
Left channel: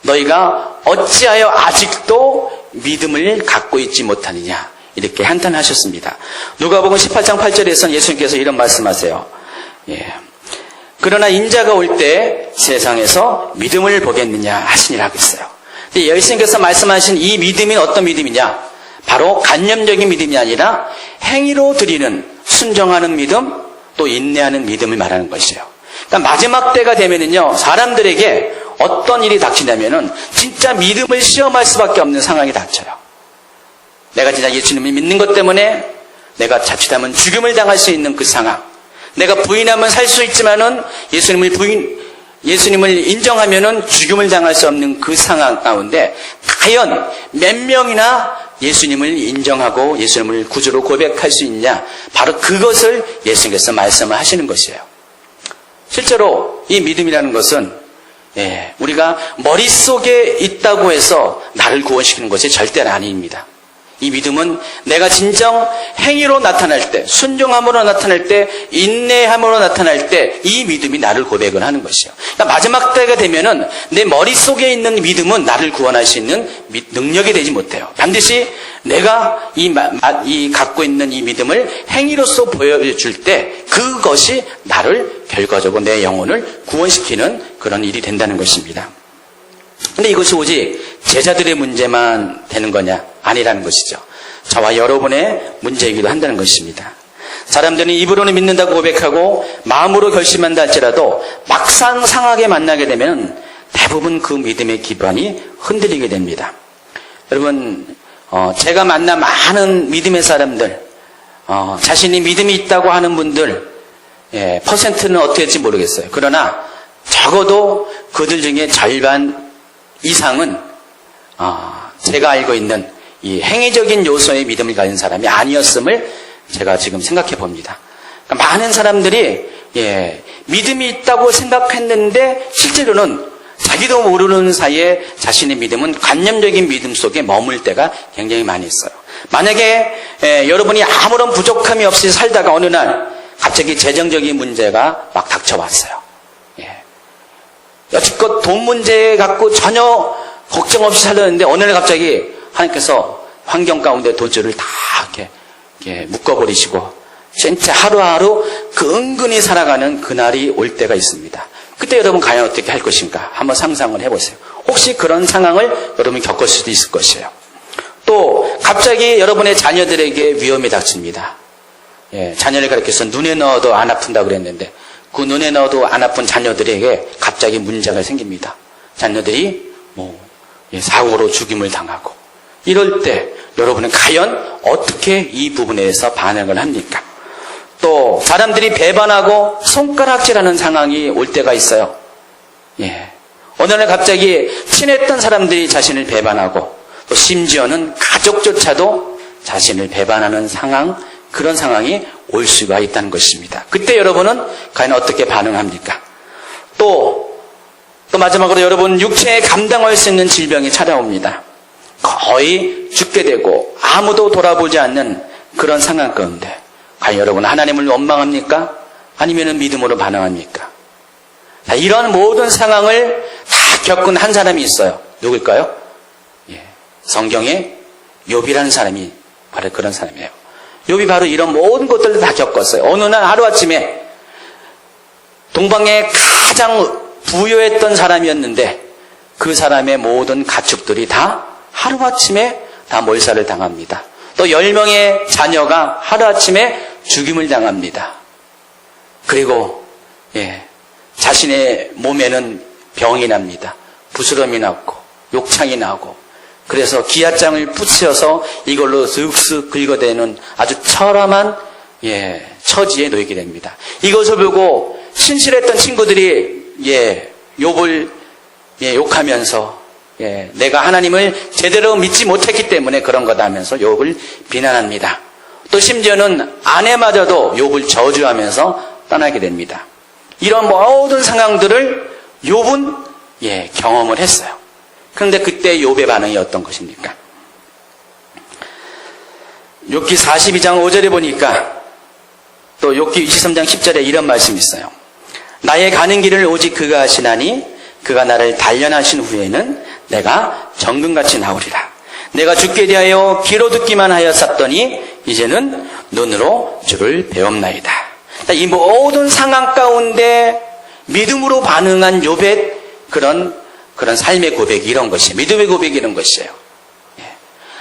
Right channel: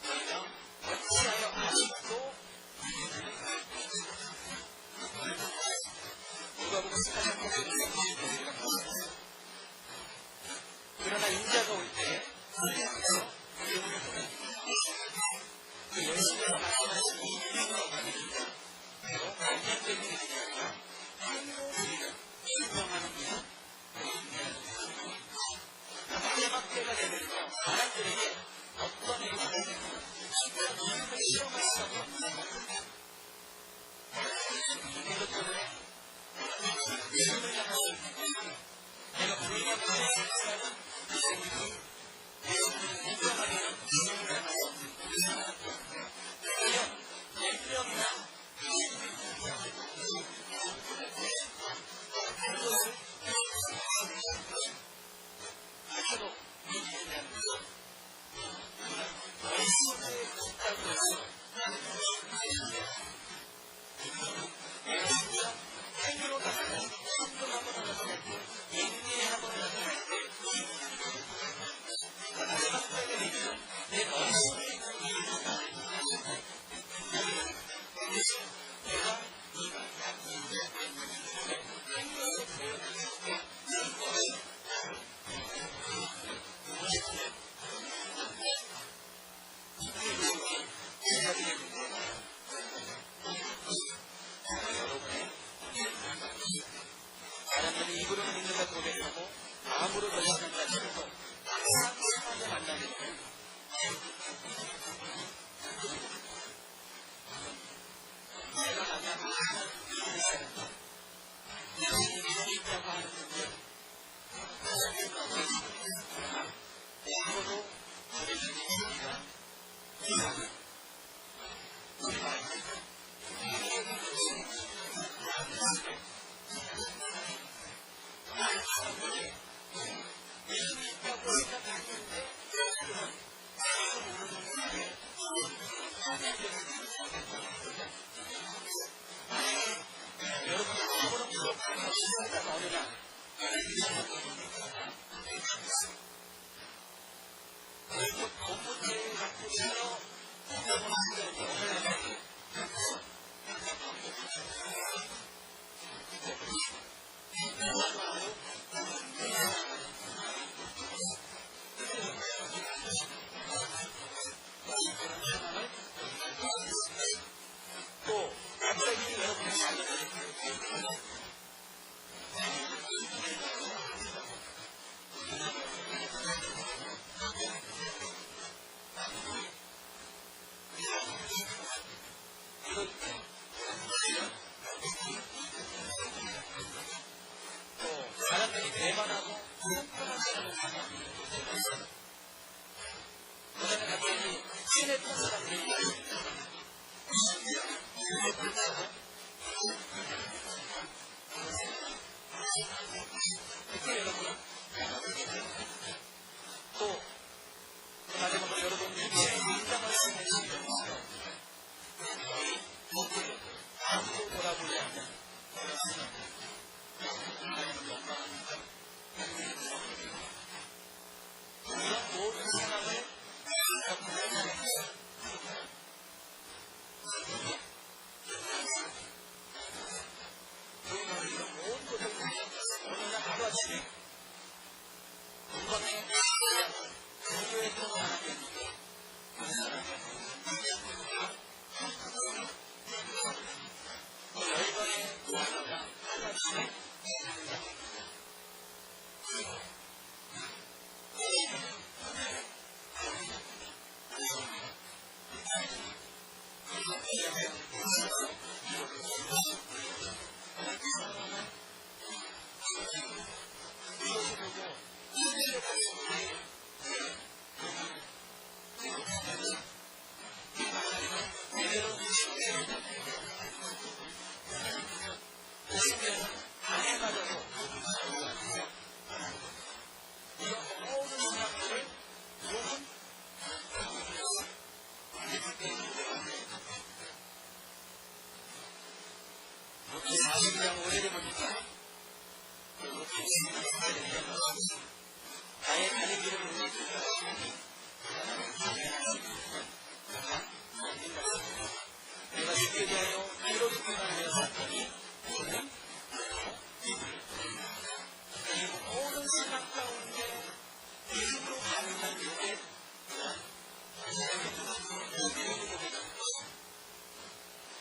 너희가 어찌하여 아직도 믿음을 갖고 있지 못하느냐, 이렇게 한탄하셨습니다. 누가복음 18장 8절에서는 예수님께서 이런 말씀하세요. 그러나 인자가 올 때 세상에서 믿음을 보겠느냐 하시니라고 했어요. 예수님께서 말씀하신 이 믿음이 어떤 믿음이냐? 바로 관념적인 믿음이 아니라 행위로 드리는, 순종하는 믿음, 또 인내하는 믿음을 말하는 것이에요. 그러니까 마지막 때가 되면은요, 사람들에게 어떤 일이 닥치냐면은 진짜 믿음을 시험할 수밖에 없는 상황이 닥쳐요. 내가 진짜 예수님을 믿는 것 때문에 내가 자칫하면 죽음을 당할 수 있는 그 상황. 내가 부인하면 살 수 있지만은 예수님을 인정하면은 죽음을 당할 수 없는 그 상황 가운데 과연 몇 명이나 예수님을 인정하고 예수님을 구주로 고백할 수 있냐? 바로 그것을 예수님께서 말씀을 하시는 것이에요. 실제로 이 믿음이라는 것은 우리가 머릿속에 있다고 해서 나를 구원시키는 것이 절대는 아닙니다. 이 믿음은 내가 진정 행위로 나타날 때, 순종함으로 나타날 때, 인내함으로 나타날 때 이 믿음이 나를 고백을 하는 것이에요. 그러니까 마지막 때가 되면은 내 머릿속에 있는 믿음은 나를 구원할 수 있는 능력이 되지 못해요. 반드시 내가 이 갖고 있는 이 믿음을 행위로서 보여줄 때 그것이 나를 결과적으로 내 영혼을 구원시키는 그런 일이 된다는 것입니다. 근데 이것이 오직 제자들의 문제만 되는 거냐? 아니라는 것이죠. 저와 여러분의 문제이기도 한다는 것입니다. 사람들은 입으로는 믿는다고 고백하고 마음으로 결심한다 할지라도 막상 상하게 만나게 되면 대부분 그 믿음의 기반이 흔들리게 됩니다. 여러분, 제가 만난 많은 믿음의 사람들, 자신이 믿음이 있다고 하는 분들, 퍼센트는 어떻게 될지 모르겠어요. 그러나 적어도 그들 중에 절반 이상은 제가 알고 있는 이 행위적인 요소의 믿음을 가진 사람이 아니었음을 제가 지금 생각해 봅니다. 그러니까 많은 사람들이 믿음이 있다고 생각했는데 실제로는 자기도 모르는 사이에 자신의 믿음은 관념적인 믿음 속에 머물 때가 굉장히 많이 있어요. 만약에 여러분이 아무런 부족함이 없이 살다가 어느 날 갑자기 재정적인 문제가 막 닥쳐왔어요. 여태껏 돈 문제 갖고 전혀 걱정 없이 살았는데 어느 날 갑자기 하나님께서 환경 가운데 돈줄을 다 이렇게 묶어버리시고 진짜 하루하루 그 은근히 살아가는 그날이 올 때가 있습니다. 그때 여러분 과연 어떻게 할 것인가 한번 상상을 해보세요. 혹시 그런 상황을 여러분이 겪을 수도 있을 것이에요. 또 갑자기 여러분의 자녀들에게 위험이 닥칩니다. 자녀를 가르쳐서 눈에 넣어도 안 아픈다고 그랬는데 그 눈에 넣어도 안 아픈 자녀들에게 갑자기 문제가 생깁니다. 자녀들이 사고로 죽임을 당하고 이럴 때 여러분은 과연 어떻게 이 부분에 대해서 반응을 합니까? 또 사람들이 배반하고 손가락질하는 상황이 올 때가 있어요. 어느 날 갑자기 친했던 사람들이 자신을 배반하고 또 심지어는 가족조차도 자신을 배반하는 상황, 그런 상황이 올 수가 있다는 것입니다. 그때 여러분은 과연 어떻게 반응합니까? 또 마지막으로 여러분 육체에 감당할 수 있는 질병이 찾아옵니다. 거의 죽게 되고 아무도 돌아보지 않는 그런 상황 가운데 과연 여러분 하나님을 원망합니까? 아니면 믿음으로 반응합니까? 이런 모든 상황을 다 겪은 한 사람이 있어요. 누굴까요? 성경에 욥이라는 사람이 바로 그런 사람이에요. 욥이 바로 이런 모든 것들을 다 겪었어요. 어느 날 하루아침에 동방에 가장 부유했던 사람이었는데 그 사람의 모든 가축들이 다 하루아침에 다 몰살을 당합니다. 또 10명의 자녀가 하루아침에 죽임을 당합니다. 그리고 자신의 몸에는 병이 납니다. 부스럼이 났고 욕창이 나고 그래서 기아장을 붙여서 이걸로 슥슥 긁어대는 아주 처참한 처지에 놓이게 됩니다. 이것을 보고 신실했던 친구들이 욥을 욕하면서 내가 하나님을 제대로 믿지 못했기 때문에 그런 거다 하면서 욥을 비난합니다. 또 심지어는 아내마저도 욥을 저주하면서 떠나게 됩니다. 이런 모든 상황들을 욥은 경험을 했어요. 그런데 그때 욥의 반응이 어떤 것입니까? 욥기 42장 5절에 보니까 또 욥기 23장 10절에 이런 말씀이 있어요. 나의 가는 길을 오직 그가 하시나니 그가 나를 단련하신 후에는 내가 정금같이 나오리라. 내가 죽게 대하여 귀로 듣기만 하였었더니 이제는 눈으로 주를 배움나이다. 이 모든 상황 가운데 믿음으로 반응한 욥의 그런 삶의 고백이 이런 것이에요. 믿음의 고백이 이런 것이에요.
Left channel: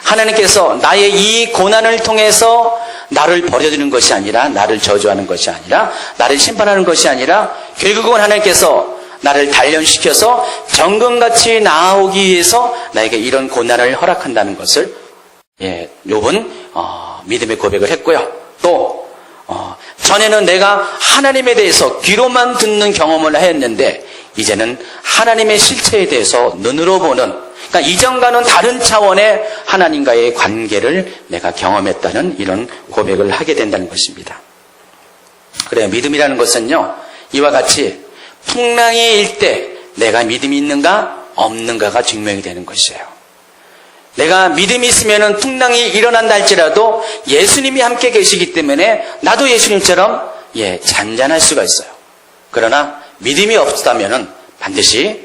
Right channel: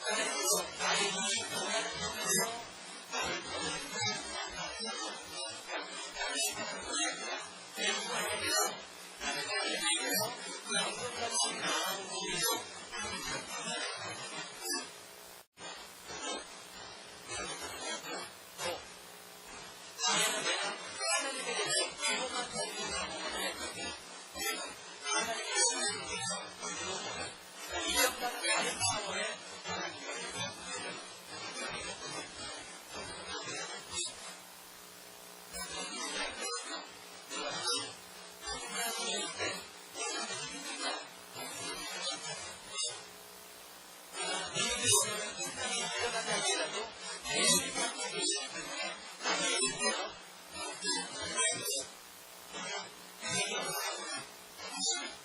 하나님께서 나의 이 고난을 통해서 나를 버려두는 것이 아니라, 나를 저주하는 것이 아니라, 나를 심판하는 것이 아니라, 결국은 하나님께서 나를 단련시켜서 정금같이 나아오기 위해서 나에게 이런 고난을 허락한다는 것을 욥은 믿음의 고백을 했고요. 또 전에는 내가 하나님에 대해서 귀로만 듣는 경험을 했는데 이제는 하나님의 실체에 대해서 눈으로 보는, 그러니까 이전과는 다른 차원의 하나님과의 관계를 내가 경험했다는 이런 고백을 하게 된다는 것입니다. 그래요. 믿음이라는 것은요, 이와 같이 풍랑이 일 때 내가 믿음이 있는가 없는가가 증명이 되는 것이에요. 내가 믿음이 있으면 풍랑이 일어난다 할지라도 예수님이 함께 계시기 때문에 나도 예수님처럼 잔잔할 수가 있어요. 그러나 믿음이 없다면 반드시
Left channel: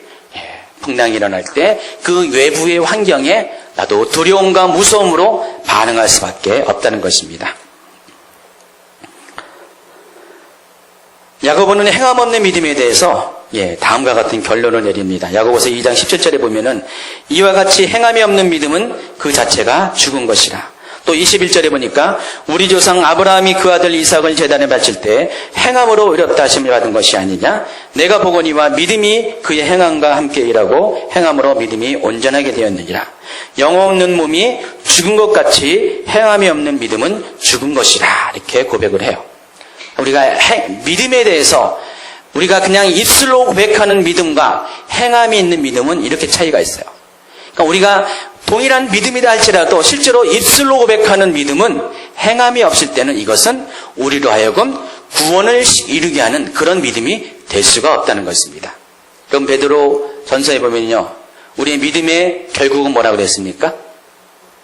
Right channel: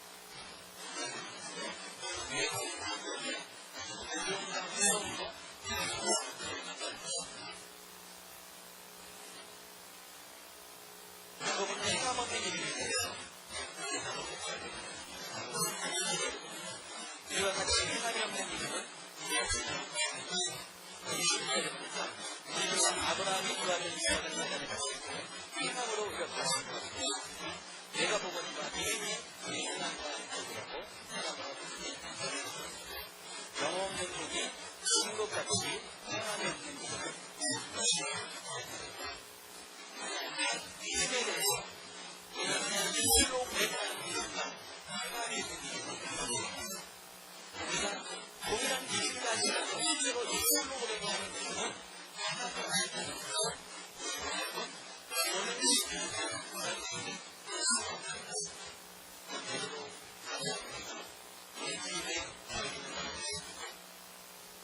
풍랑이 일어날 때 그 외부의 환경에 나도 두려움과 무서움으로 반응할 수밖에 없다는 것입니다. 야고보는 행함 없는 믿음에 대해서 다음과 같은 결론을 내립니다. 야고보서 2장 17절에 보면은 이와 같이 행함이 없는 믿음은 그 자체가 죽은 것이라. 또 21절에 보니까 우리 조상 아브라함이 그 아들 이삭을 제단에 바칠 때 행함으로 의롭다 하심을 받은 것이 아니냐. 내가 보거니와 믿음이 그의 행함과 함께 일하고 행함으로 믿음이 온전하게 되었느니라. 영혼 없는 몸이 죽은 것 같이 행함이 없는 믿음은 죽은 것이라. 이렇게 고백을 해요. 우리가 믿음에 대해서 우리가 그냥 입술로 고백하는 믿음과 행함이 있는 믿음은 이렇게 차이가 있어요. 그러니까 우리가 동일한 믿음이다 할지라도 실제로 입술로 고백하는 믿음은 행함이 없을 때는 이것은 우리로 하여금 구원을 이루게 하는 그런 믿음이 될 수가 없다는 것입니다. 그럼 베드로 전서에 보면요, 우리의 믿음의 결국은 뭐라고 그랬습니까?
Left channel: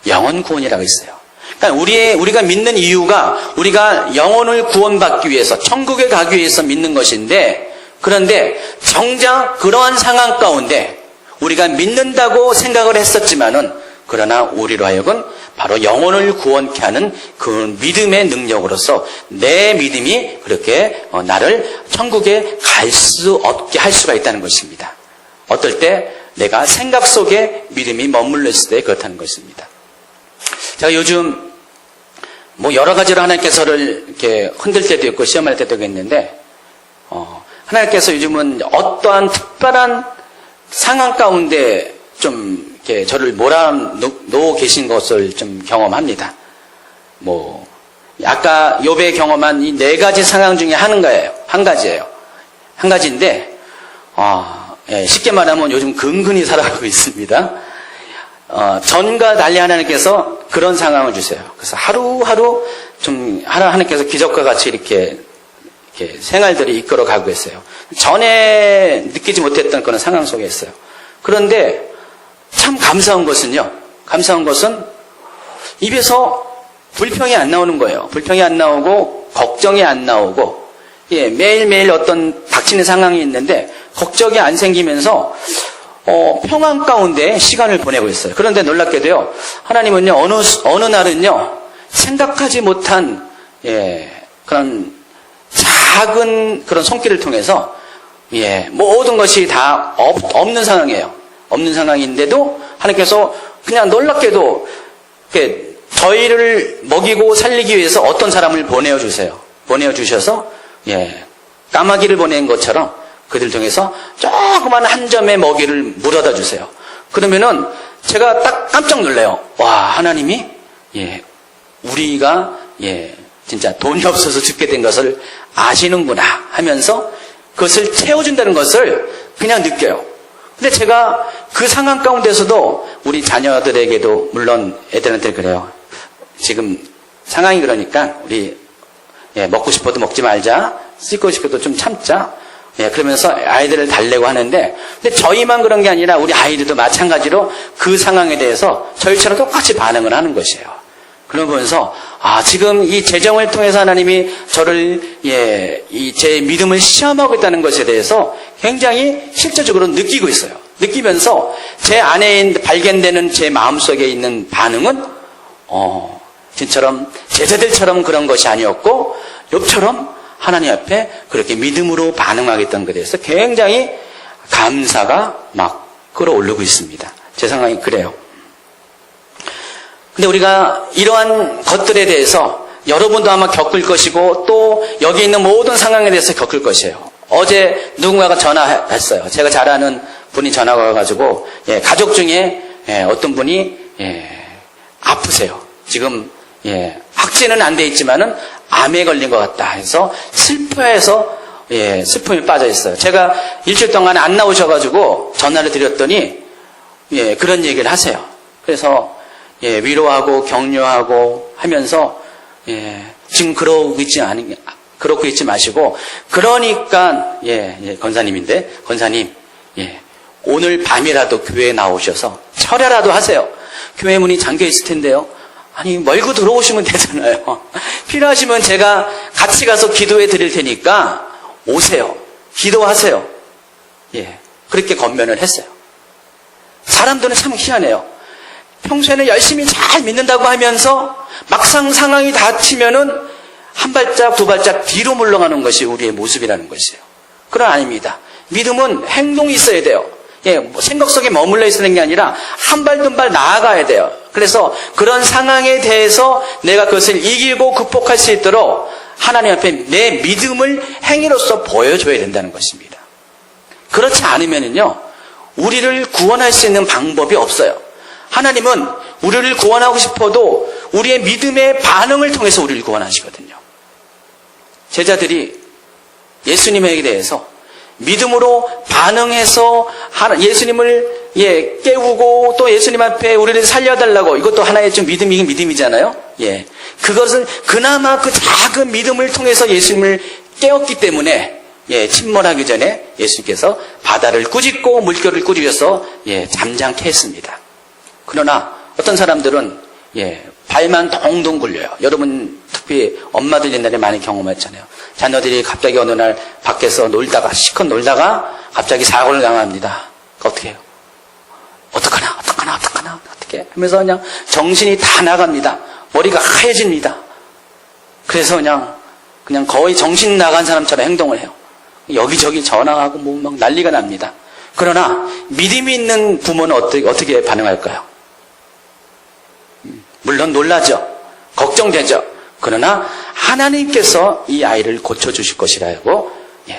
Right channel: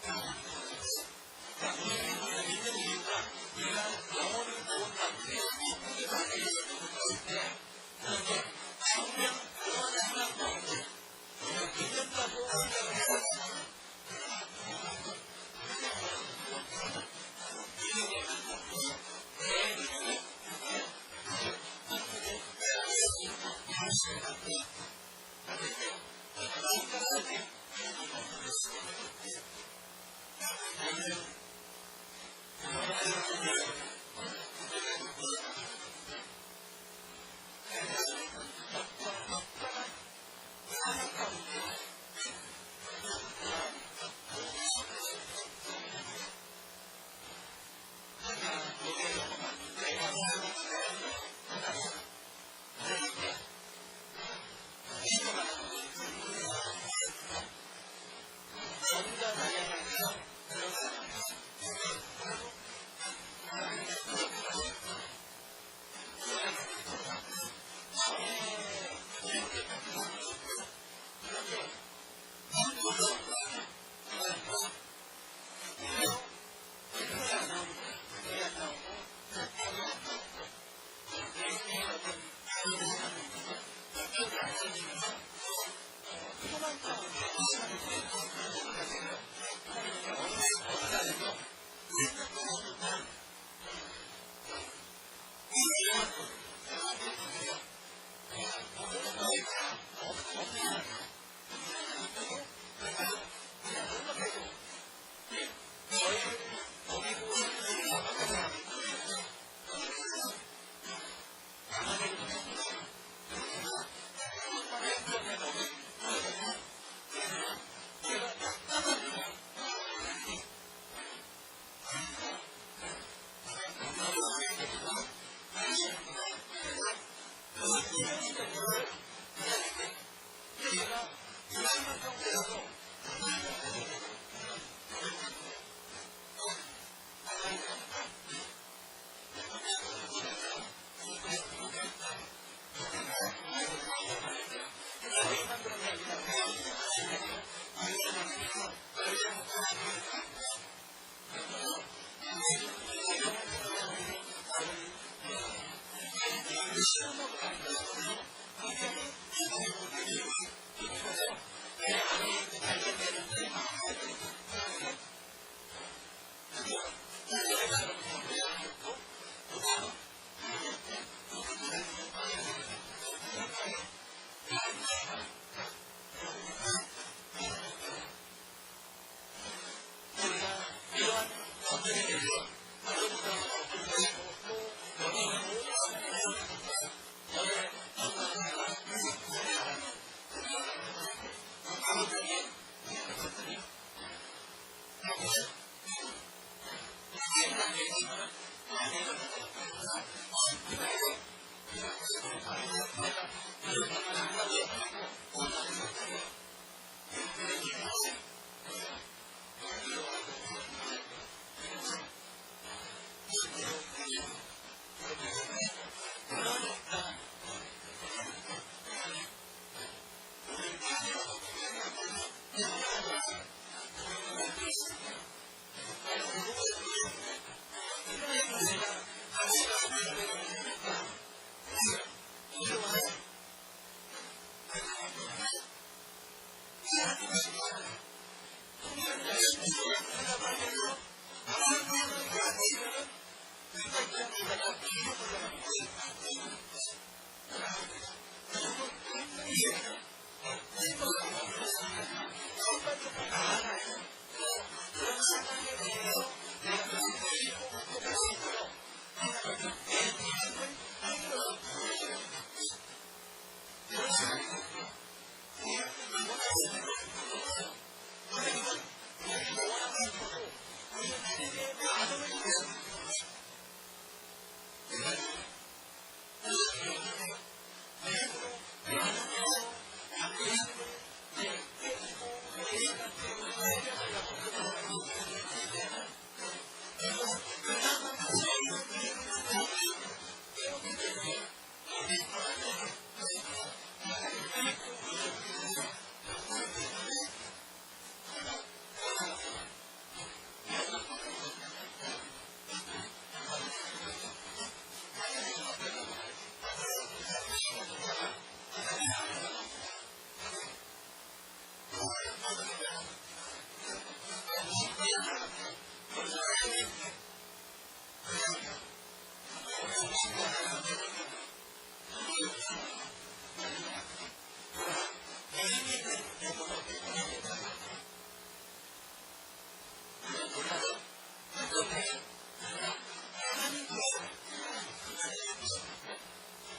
영혼 구원이라고 했어요. 그러니까 우리가 믿는 이유가 우리가 영혼을 구원받기 위해서, 천국에 가기 위해서 믿는 것인데, 그런데 정작 그러한 상황 가운데 우리가 믿는다고 생각을 했었지만은, 그러나 우리로 하여금 바로 영혼을 구원케 하는 그 믿음의 능력으로서 내 믿음이 그렇게 나를 천국에 갈 수 없게 할 수가 있다는 것입니다. 어떨 때 내가 생각 속에 믿음이 머물렀을 때 그렇다는 것입니다. 제가 요즘 여러 가지로 하나님께서를 이렇게 흔들 때도 있고 시험할 때도 있는데, 하나님께서 요즘은 어떠한 특별한 상황 가운데 좀 이렇게 저를 몰아넣어 계신 것을 좀 경험합니다. 아까 욥의 경험한 이 4가지 상황 중에 한 가지예요. 한 가지인데, 쉽게 말하면 요즘 근근히 살아가고 있습니다. 전과 달리 하나님께서 그런 상황을 주세요. 그래서 하루하루 하나님께서 기적과 같이 이렇게 생활들이 이끌어가고 있어요. 전에 느끼지 못했던 그런 상황 속에 있어요. 그런데 참 감사한 것은 입에서 불평이 안 나오는 거예요. 불평이 안 나오고 걱정이 안 나오고, 매일매일 어떤 닥치는 상황이 있는데 걱정이 안 생기면서 평안 가운데 시간을 보내고 있어요. 그런데 놀랍게도요, 하나님은요, 어느 날은요, 생각하지 못한, 그런 작은 그런 손길을 통해서, 모든 것이 다 없는 상황이에요. 없는 상황인데도 하나님께서 그냥 놀랍게도, 저희를 먹이고 살리기 위해서 어떤 사람을 보내주세요. 보내주셔서, 까마귀를 보낸 것처럼 그들 중에서 조그만 한 점의 먹이를 물어다 주세요. 그러면은 제가 딱 깜짝 놀래요. 와, 하나님이, 우리가, 진짜 돈이 없어서 죽게 된 것을 아시는구나 하면서 그것을 채워준다는 것을 그냥 느껴요. 근데 제가 그 상황 가운데서도 우리 자녀들에게도 물론 애들한테 그래요. 지금 상황이 그러니까 우리 먹고 싶어도 먹지 말자. 씻고 싶어도 좀 참자. 그러면서 아이들을 달래고 하는데, 근데 저희만 그런 게 아니라 우리 아이들도 마찬가지로 그 상황에 대해서 저희처럼 똑같이 반응을 하는 것이에요. 그러면서 지금 이 재정을 통해서 하나님이 저를 제 믿음을 시험하고 있다는 것에 대해서 굉장히 실제적으로 느끼고 있어요. 느끼면서 제 안에 발견되는 제 마음속에 있는 반응은 진처럼 제자들처럼 그런 것이 아니었고 욥처럼 하나님 앞에 그렇게 믿음으로 반응하겠다는 것에 대해서 굉장히 감사가 막 끌어오르고 있습니다. 제 상황이 그래요. 근데 우리가 이러한 것들에 대해서 여러분도 아마 겪을 것이고 또 여기 있는 모든 상황에 대해서 겪을 것이에요. 어제 누군가가 전화했어요. 제가 잘 아는 분이 전화가 와가지고 가족 중에 어떤 분이 아프세요. 지금 확진은 안 돼 있지만은 암에 걸린 것 같다 해서 슬퍼해서 슬픔에 빠져 있어요. 제가 일주일 동안 안 나오셔가지고 전화를 드렸더니 그런 얘기를 하세요. 그래서 위로하고 격려하고 하면서 지금 그러고 있지 마시고 그러니까 권사님인데 권사님 오늘 밤이라도 교회에 나오셔서 철야라도 하세요. 교회 문이 잠겨 있을 텐데요. 아니 멀고 들어오시면 되잖아요. 필요하시면 제가 같이 가서 기도해 드릴 테니까 오세요. 기도하세요. 그렇게 권면을 했어요. 사람들은 참 희한해요. 평소에는 열심히 잘 믿는다고 하면서 막상 상황이 닥치면은 한 발짝 두 발짝 뒤로 물러가는 것이 우리의 모습이라는 것이에요. 그건 아닙니다. 믿음은 행동이 있어야 돼요. 생각 속에 머물러 있는 게 아니라 한 발 두 발 나아가야 돼요. 그래서 그런 상황에 대해서 내가 그것을 이기고 극복할 수 있도록 하나님 앞에 내 믿음을 행위로서 보여줘야 된다는 것입니다. 그렇지 않으면요 우리를 구원할 수 있는 방법이 없어요. 하나님은 우리를 구원하고 싶어도 우리의 믿음의 반응을 통해서 우리를 구원하시거든요. 제자들이 예수님에 대해서 믿음으로 반응해서 예수님을 깨우고 또 예수님 앞에 우리를 살려달라고, 이것도 하나의 좀 믿음이잖아요. 그것은 그나마 그 작은 믿음을 통해서 예수님을 깨웠기 때문에 침몰하기 전에 예수님께서 바다를 꾸짖고 물결을 꾸짖어서 잠잠케 했습니다. 그러나 어떤 사람들은 발만 동동 굴려요. 여러분 특히 엄마들 옛날에 많이 경험했잖아요. 자녀들이 갑자기 어느 날 밖에서 놀다가 실컷 놀다가 갑자기 사고를 당합니다. 어떻게 해요? 어떡하나 어떻게 하면서 그냥 정신이 다 나갑니다. 머리가 하얘집니다. 그래서 그냥 거의 정신 나간 사람처럼 행동을 해요. 여기저기 전화하고 막 난리가 납니다. 그러나 믿음이 있는 부모는 어떻게 반응할까요? 물론 놀라죠. 걱정되죠. 그러나 하나님께서 이 아이를 고쳐주실 것이라고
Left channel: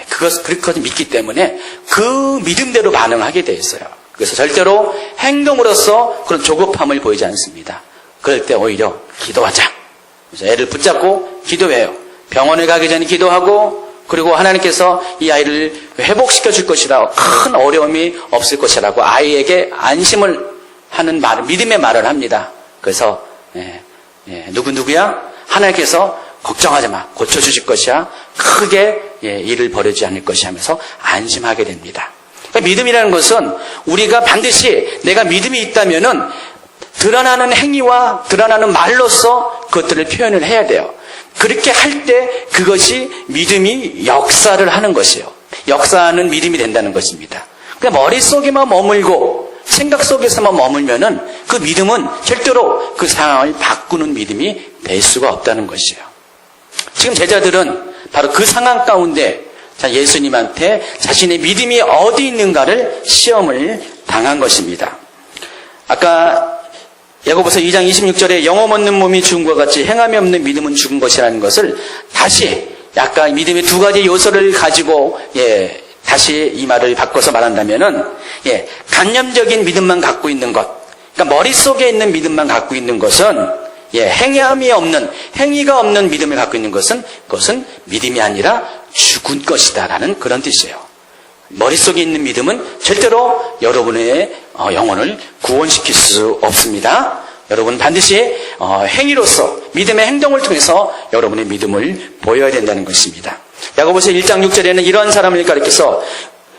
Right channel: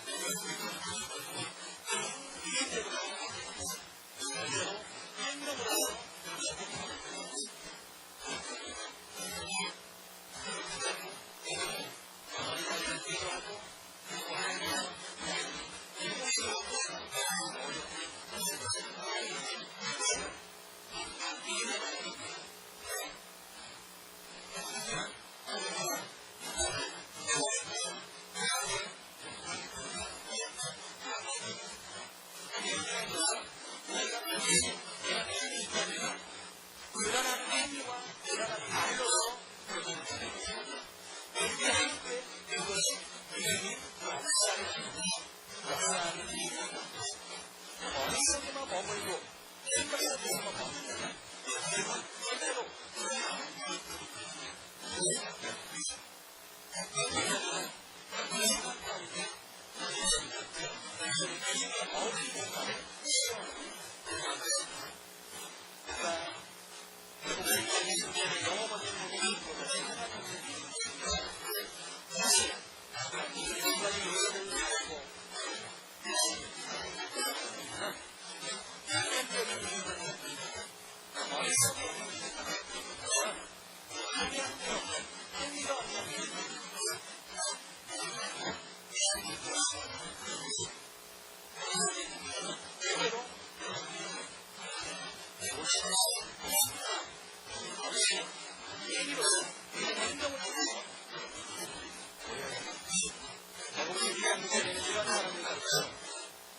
그것을 믿기 때문에 그 믿음대로 반응하게 돼 있어요. 그래서 절대로 행동으로서 그런 조급함을 보이지 않습니다. 그럴 때 오히려 기도하자. 그래서 애를 붙잡고 기도해요. 병원에 가기 전에 기도하고, 그리고 하나님께서 이 아이를 회복시켜 줄 것이라, 큰 어려움이 없을 것이라고 아이에게 안심을 하는 말, 믿음의 말을 합니다. 그래서 누구야? 하나님께서 걱정하지 마. 고쳐주실 것이야. 크게 일을 벌이지 않을 것이 하면서 안심하게 됩니다. 그러니까 믿음이라는 것은 우리가 반드시 내가 믿음이 있다면은 드러나는 행위와 드러나는 말로써 그것들을 표현을 해야 돼요. 그렇게 할 때 그것이 믿음이 역사를 하는 것이에요. 역사하는 믿음이 된다는 것입니다. 그냥 머릿속에만 머물고 생각 속에서만 머물면은 그 믿음은 절대로 그 상황을 바꾸는 믿음이 될 수가 없다는 것이에요. 지금 제자들은 바로 그 상황 가운데 예수님한테 자신의 믿음이 어디 있는가를 시험을 당한 것입니다. 아까 야고보서 2장 26절에 영혼 없는 몸이 죽은 것 같이 행함이 없는 믿음은 죽은 것이라는 것을 다시 약간 믿음의 두 가지 요소를 가지고 다시 이 말을 바꿔서 말한다면은 간념적인 믿음만 갖고 있는 것, 그러니까 머릿속에 있는 믿음만 갖고 있는 것은 행위가 없는 믿음을 갖고 있는 것은 그것은 믿음이 아니라 죽은 것이다라는 그런 뜻이에요. 머릿속에 있는 믿음은 절대로 여러분의 영혼을 구원시킬 수 없습니다. 여러분 반드시 행위로서 믿음의 행동을 통해서 여러분의 믿음을 보여야 된다는 것입니다. 야고보서 1장 6절에는 이러한 사람을 가리켜서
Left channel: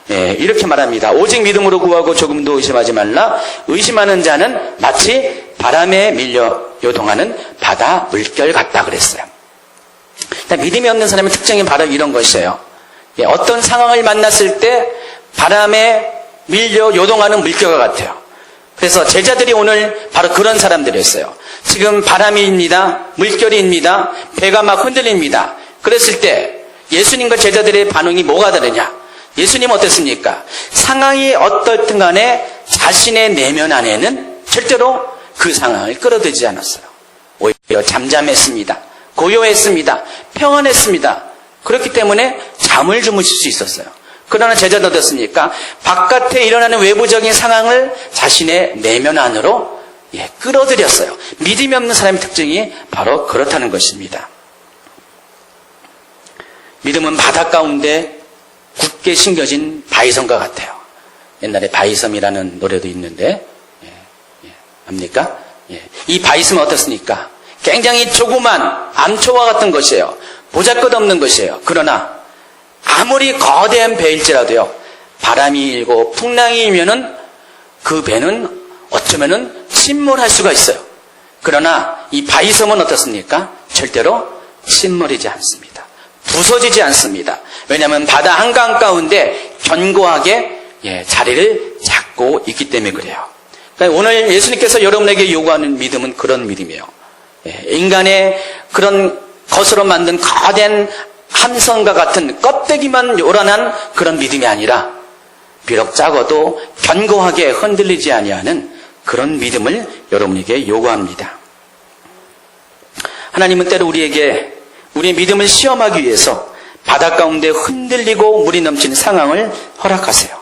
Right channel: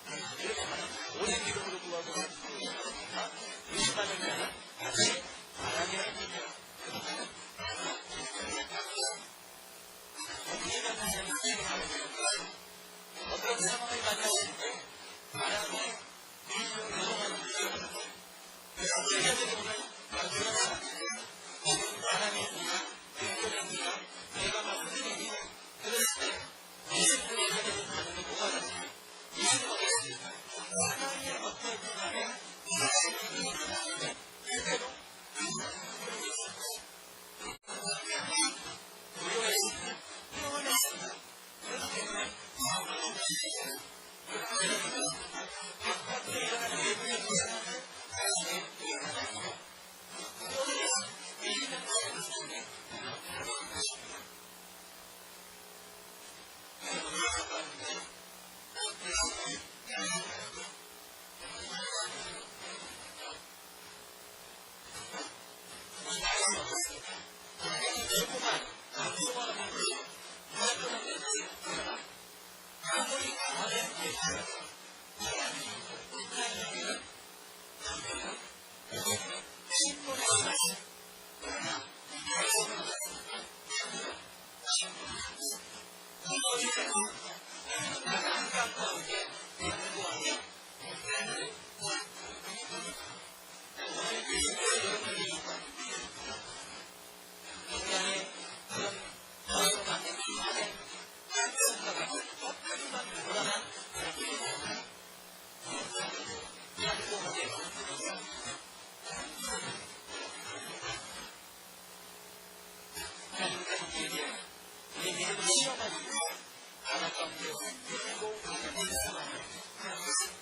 이렇게 말합니다. 오직 믿음으로 구하고 조금도 의심하지 말라. 의심하는 자는 마치 바람에 밀려 요동하는 바다 물결 같다 그랬어요. 믿음이 없는 사람의 특징이 바로 이런 것이에요. 어떤 상황을 만났을 때 바람에 밀려 요동하는 물결과 같아요. 그래서 제자들이 오늘 바로 그런 사람들이었어요. 지금 바람이입니다. 물결이입니다. 배가 막 흔들립니다. 그랬을 때 예수님과 제자들의 반응이 뭐가 다르냐? 예수님 어땠습니까? 상황이 어떻든 간에 자신의 내면 안에는 절대로 그 상황을 끌어들이지 않았어요. 오히려 잠잠했습니다. 고요했습니다. 평안했습니다. 그렇기 때문에 잠을 주무실 수 있었어요. 그러나 제자도 어떻습니까? 바깥에 일어나는 외부적인 상황을 자신의 내면 안으로 끌어들였어요. 믿음이 없는 사람의 특징이 바로 그렇다는 것입니다. 믿음은 바다 가운데 굳게 심겨진 바위섬과 같아요. 옛날에 바위섬이라는 노래도 있는데 압니까? 이 바위섬은 어떻습니까? 굉장히 조그만 암초와 같은 것이에요. 보잘것없는 것이에요. 그러나 아무리 거대한 배일지라도요, 바람이 일고 풍랑이 일면은 그 배는 어쩌면은 침몰할 수가 있어요. 그러나 이 바위섬은 어떻습니까? 절대로 침몰이지 않습니다. 부서지지 않습니다. 왜냐하면 바다 한강 가운데 견고하게 자리를 잡고 있기 때문에 그래요. 그러니까 오늘 예수님께서 여러분에게 요구하는 믿음은 그런 믿음이에요. 인간의 그런 것으로 만든 거대한 함선과 같은 껍데기만 요란한 그런 믿음이 아니라 비록 작아도 견고하게 흔들리지 아니하는 그런 믿음을 여러분에게 요구합니다. 하나님은 때로 우리의 믿음을 시험하기 위해서 바다 가운데 흔들리고 물이 넘치는 상황을 허락하세요.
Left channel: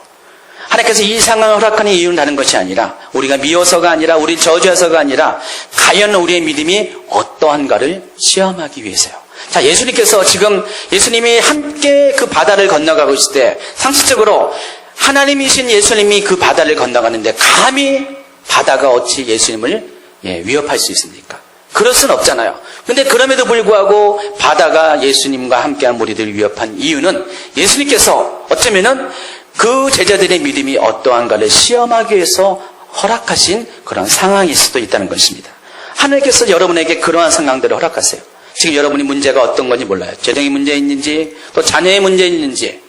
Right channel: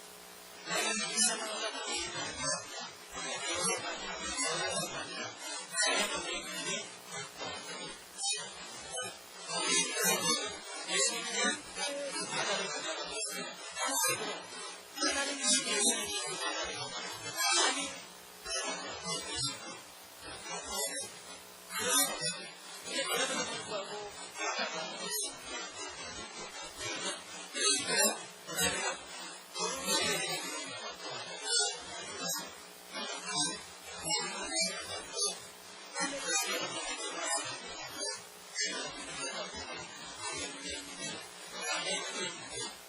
하나님께서 이 상황을 허락하는 이유는 다른 것이 아니라 우리가 미워서가 아니라 우리 저주해서가 아니라 과연 우리의 믿음이 어떠한가를 시험하기 위해서요. 자, 예수님께서 지금 예수님이 함께 그 바다를 건너가고 있을 때 상식적으로 하나님이신 예수님이 그 바다를 건너가는데 감히 바다가 어찌 예수님을 위협할 수 있습니까? 그럴 수는 없잖아요. 근데 그럼에도 불구하고 바다가 예수님과 함께한 무리들을 위협한 이유는 예수님께서 어쩌면은 그 제자들의 믿음이 어떠한가를 시험하기 위해서 허락하신 그런 상황일 수도 있다는 것입니다. 하나님께서 여러분에게 그러한 상황들을 허락하세요. 지금 여러분이 문제가 어떤 건지 몰라요. 재정의 문제 있는지, 또 자녀의 문제 있는지,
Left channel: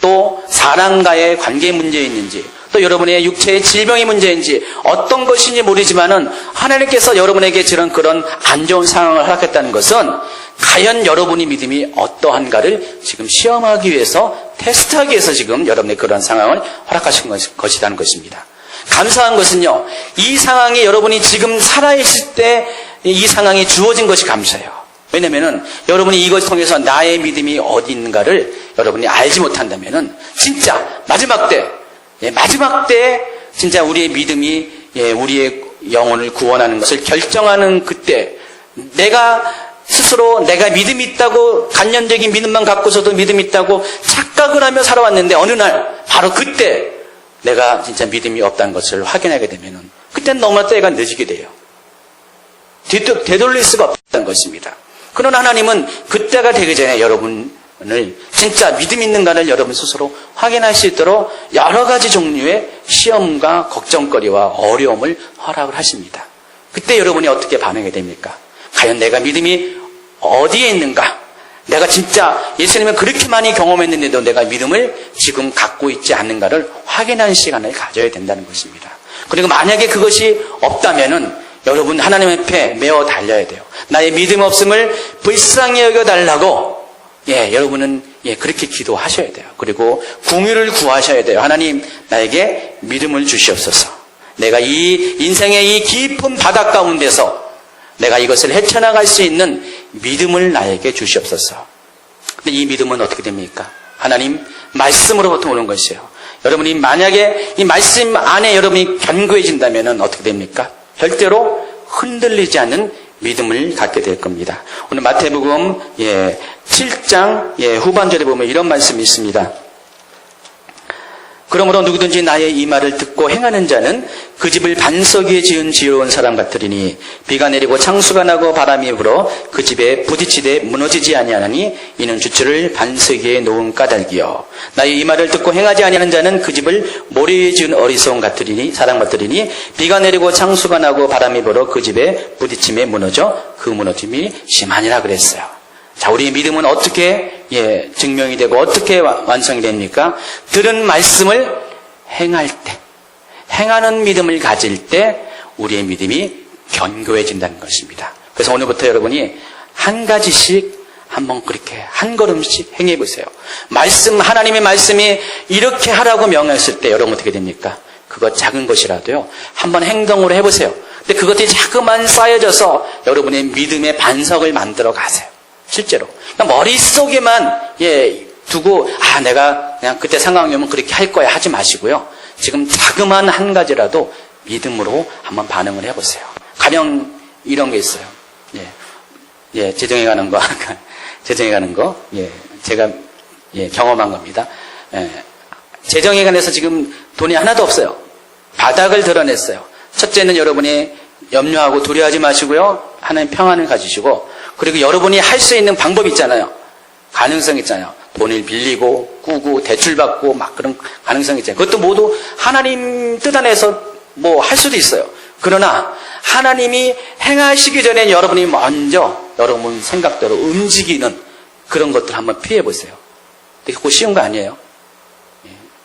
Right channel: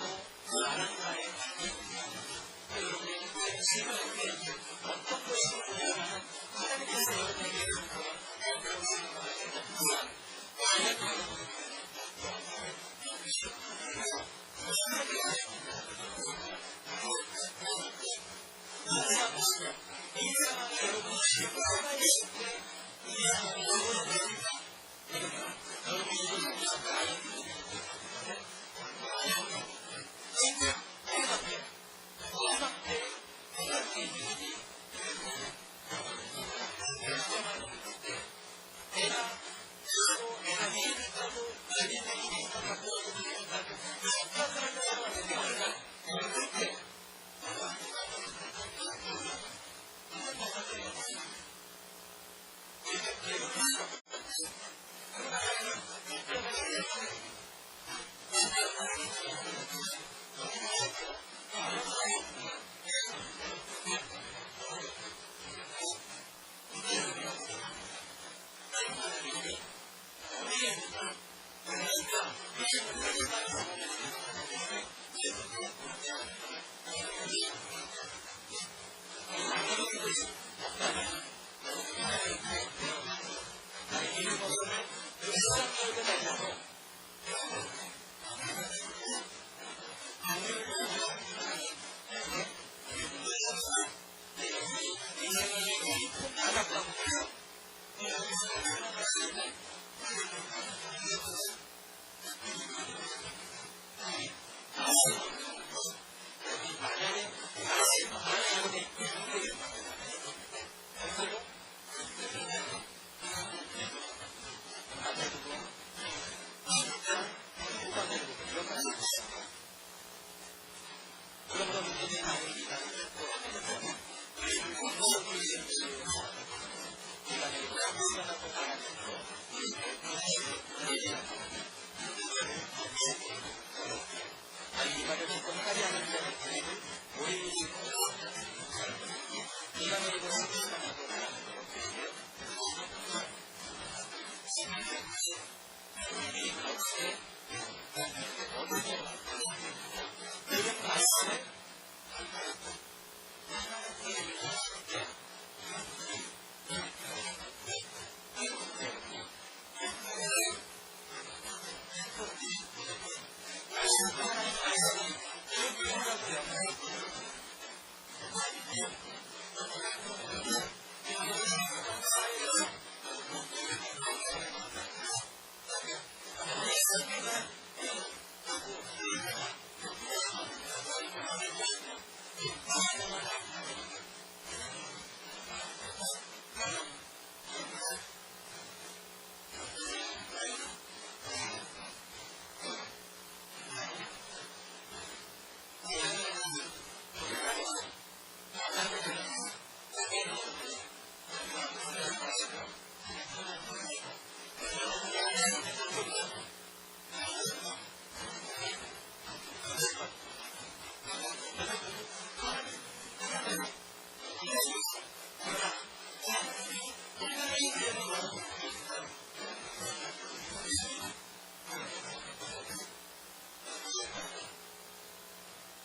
또 사람과의 관계의 문제 있는지, 또 여러분의 육체의 질병의 문제인지 어떤 것인지 모르지만은 하나님께서 여러분에게 그런 안 좋은 상황을 허락했다는 것은 과연 여러분의 믿음이 어떠한가를 지금 시험하기 위해서, 테스트하기 위해서 지금 여러분의 그런 상황을 허락하신 것이라는 것입니다. 감사한 것은요, 이 상황이 여러분이 지금 살아있을 때 이 상황이 주어진 것이 감사해요. 왜냐면은 여러분이 이것을 통해서 나의 믿음이 어디 있는가를 여러분이 알지 못한다면은 진짜 마지막 때 진짜 우리의 믿음이 우리의 영혼을 구원하는 것을 결정하는 그때 내가 스스로 내가 믿음이 있다고 간념적인 믿음만 갖고서도 믿음이 있다고 착각을 하며 살아왔는데 어느 날 바로 그때 내가 진짜 믿음이 없다는 것을 확인하게 되면은 그때는 너무나 때가 늦게 돼요. 되돌릴 수가 없다는 것입니다. 그러나 하나님은 그때가 되기 전에 여러분을 진짜 믿음 있는가를 여러분 스스로 확인할 수 있도록 여러 가지 종류의 시험과 걱정거리와 어려움을 허락을 하십니다. 그때 여러분이 어떻게 반응이 됩니까? 과연 내가 믿음이 어디에 있는가? 내가 진짜 예수님을 그렇게 많이 경험했는데도 내가 믿음을 지금 갖고 있지 않는가를 확인하는 시간을 가져야 된다는 것입니다. 그리고 만약에 그것이 없다면은 여러분 하나님 앞에 메어 달려야 돼요. 나의 믿음 없음을 불쌍히 여겨달라고 여러분은 그렇게 기도하셔야 돼요. 그리고 긍휼을 구하셔야 돼요. 하나님 나에게 믿음을 주시옵소서. 내가 이 인생의 이 깊은 바다 가운데서 내가 이것을 헤쳐나갈 수 있는 믿음을 나에게 주시옵소서. 근데 이 믿음은 어떻게 됩니까? 하나님 말씀으로부터 오는 것이에요. 여러분이 만약에 이 말씀 안에 여러분이 견고해진다면 어떻게 됩니까? 절대로 흔들리지 않는 믿음을 갖게 될 겁니다. 오늘 마태복음 7장 후반절에 보면 이런 말씀이 있습니다. 그러므로 누구든지 나의 이 말을 듣고 행하는 자는 그 집을 반석 위에 지은 지혜로운 사람 같으리니 비가 내리고 창수가 나고 바람이 불어 그 집에 부딪히되 무너지지 아니하나니 이는 주철을 반석 위에 놓은 까닭이요. 나의 이 말을 듣고 행하지 아니하는 자는 그 집을 모래 위에 지은 어리석은 같으리니 사람 같으리니 비가 내리고 창수가 나고 바람이 불어 그 집에 부딪힘에 무너져 그 무너짐이 심하니라 그랬어요. 자, 우리의 믿음은 어떻게 증명이 되고 어떻게 완성이 됩니까? 들은 말씀을 행할 때, 행하는 믿음을 가질 때 우리의 믿음이 견고해진다는 것입니다. 그래서 오늘부터 여러분이 한 가지씩 한번 그렇게 한 걸음씩 행해 보세요. 하나님의 말씀이 이렇게 하라고 명했을 때 여러분 어떻게 됩니까? 그거 작은 것이라도요, 한번 행동으로 해보세요. 근데 그것들이 자꾸만 쌓여져서 여러분의 믿음의 반석을 만들어 가세요. 실제로. 그러니까 머릿속에만 두고 내가 그냥 그때 상황이 오면 그렇게 할 거야 하지 마시고요. 지금 자그마한 한 가지라도 믿음으로 한번 반응을 해보세요. 가령 이런 게 있어요. 재정에 가는 거 제가 경험한 겁니다. 재정에 관해서 지금 돈이 하나도 없어요. 바닥을 드러냈어요. 첫째는 여러분이 염려하고 두려워하지 마시고요. 하나님 평안을 가지시고, 그리고 여러분이 할 수 있는 방법이 있잖아요. 가능성 있잖아요. 돈을 빌리고 꾸고 대출받고 막 그런 가능성이 있잖아요. 그것도 모두 하나님 뜻 안에서 할 수도 있어요. 그러나 하나님이 행하시기 전에 여러분이 먼저 여러분 생각대로 움직이는 그런 것들 한번 피해 보세요. 그거 쉬운 거 아니에요.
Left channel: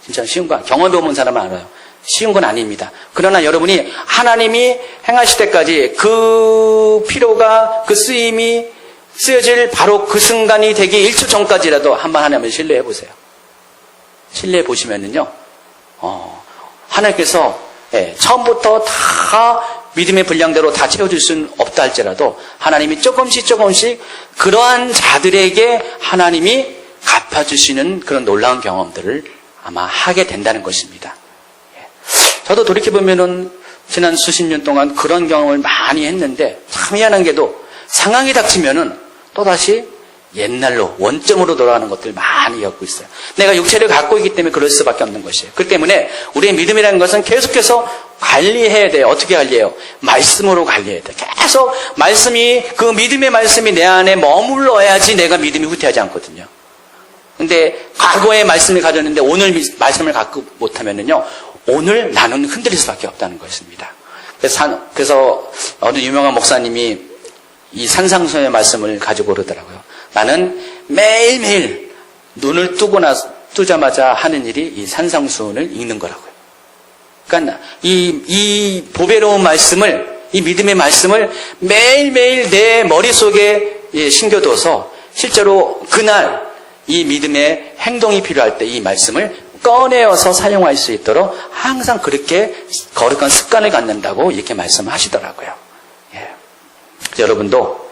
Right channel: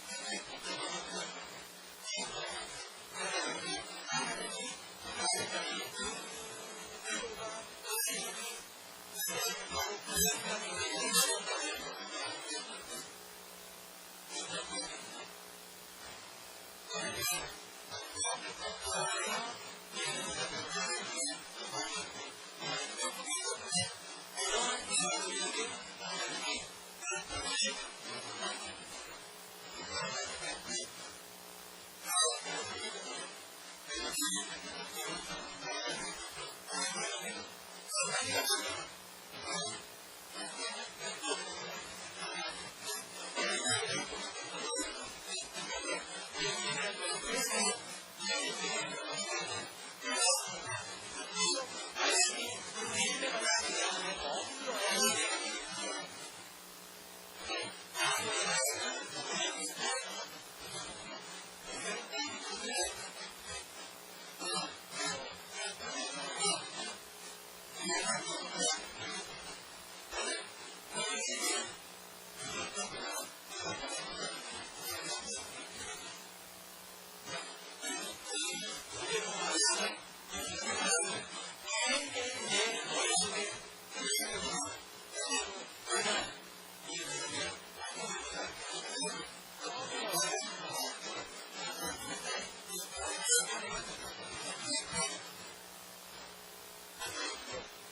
진짜 쉬운 거, 경험해 본 사람은 알아요. 쉬운 건 아닙니다. 그러나 여러분이 하나님이 행하실 때까지 그 피로가, 그 쓰임이 쓰여질 바로 그 순간이 되기 1초 전까지라도 한번 하나님을 신뢰해 보세요. 신뢰해 보시면은요, 하나님께서 처음부터 다 믿음의 분량대로 다 채워줄 수는 없다 할지라도 하나님이 조금씩 그러한 자들에게 하나님이 갚아주시는 그런 놀라운 경험들을 아마 하게 된다는 것입니다. 저도 돌이켜보면은 지난 수십 년 동안 그런 경험을 많이 했는데 참 희한한 게도 상황이 닥치면은 또다시 옛날로 원점으로 돌아가는 것들 많이 겪고 있어요. 내가 육체를 갖고 있기 때문에 그럴 수밖에 없는 것이에요. 그렇기 때문에 우리의 믿음이라는 것은 계속해서 관리해야 돼요. 어떻게 관리해요? 말씀으로 관리해야 돼요. 계속 그 믿음의 말씀이 내 안에 머물러야지 내가 믿음이 후퇴하지 않거든요. 근데 과거의 말씀을 가졌는데 오늘 말씀을 갖고 못하면은요, 오늘 나는 흔들릴 수밖에 없다는 것입니다. 그래서 어느 유명한 목사님이 이 산상수의 말씀을 가지고 그러더라고요. 나는 매일매일 눈을 뜨자마자 하는 일이 이 산상수훈을 읽는 거라고요. 그러니까 이 보배로운 말씀을, 이 믿음의 말씀을 매일매일 내 머릿속에 심겨둬서 실제로 그날 이 믿음의 행동이 필요할 때 이 말씀을 꺼내어서 사용할 수 있도록 항상 그렇게 거룩한 습관을 갖는다고 이렇게 말씀하시더라고요. 여러분도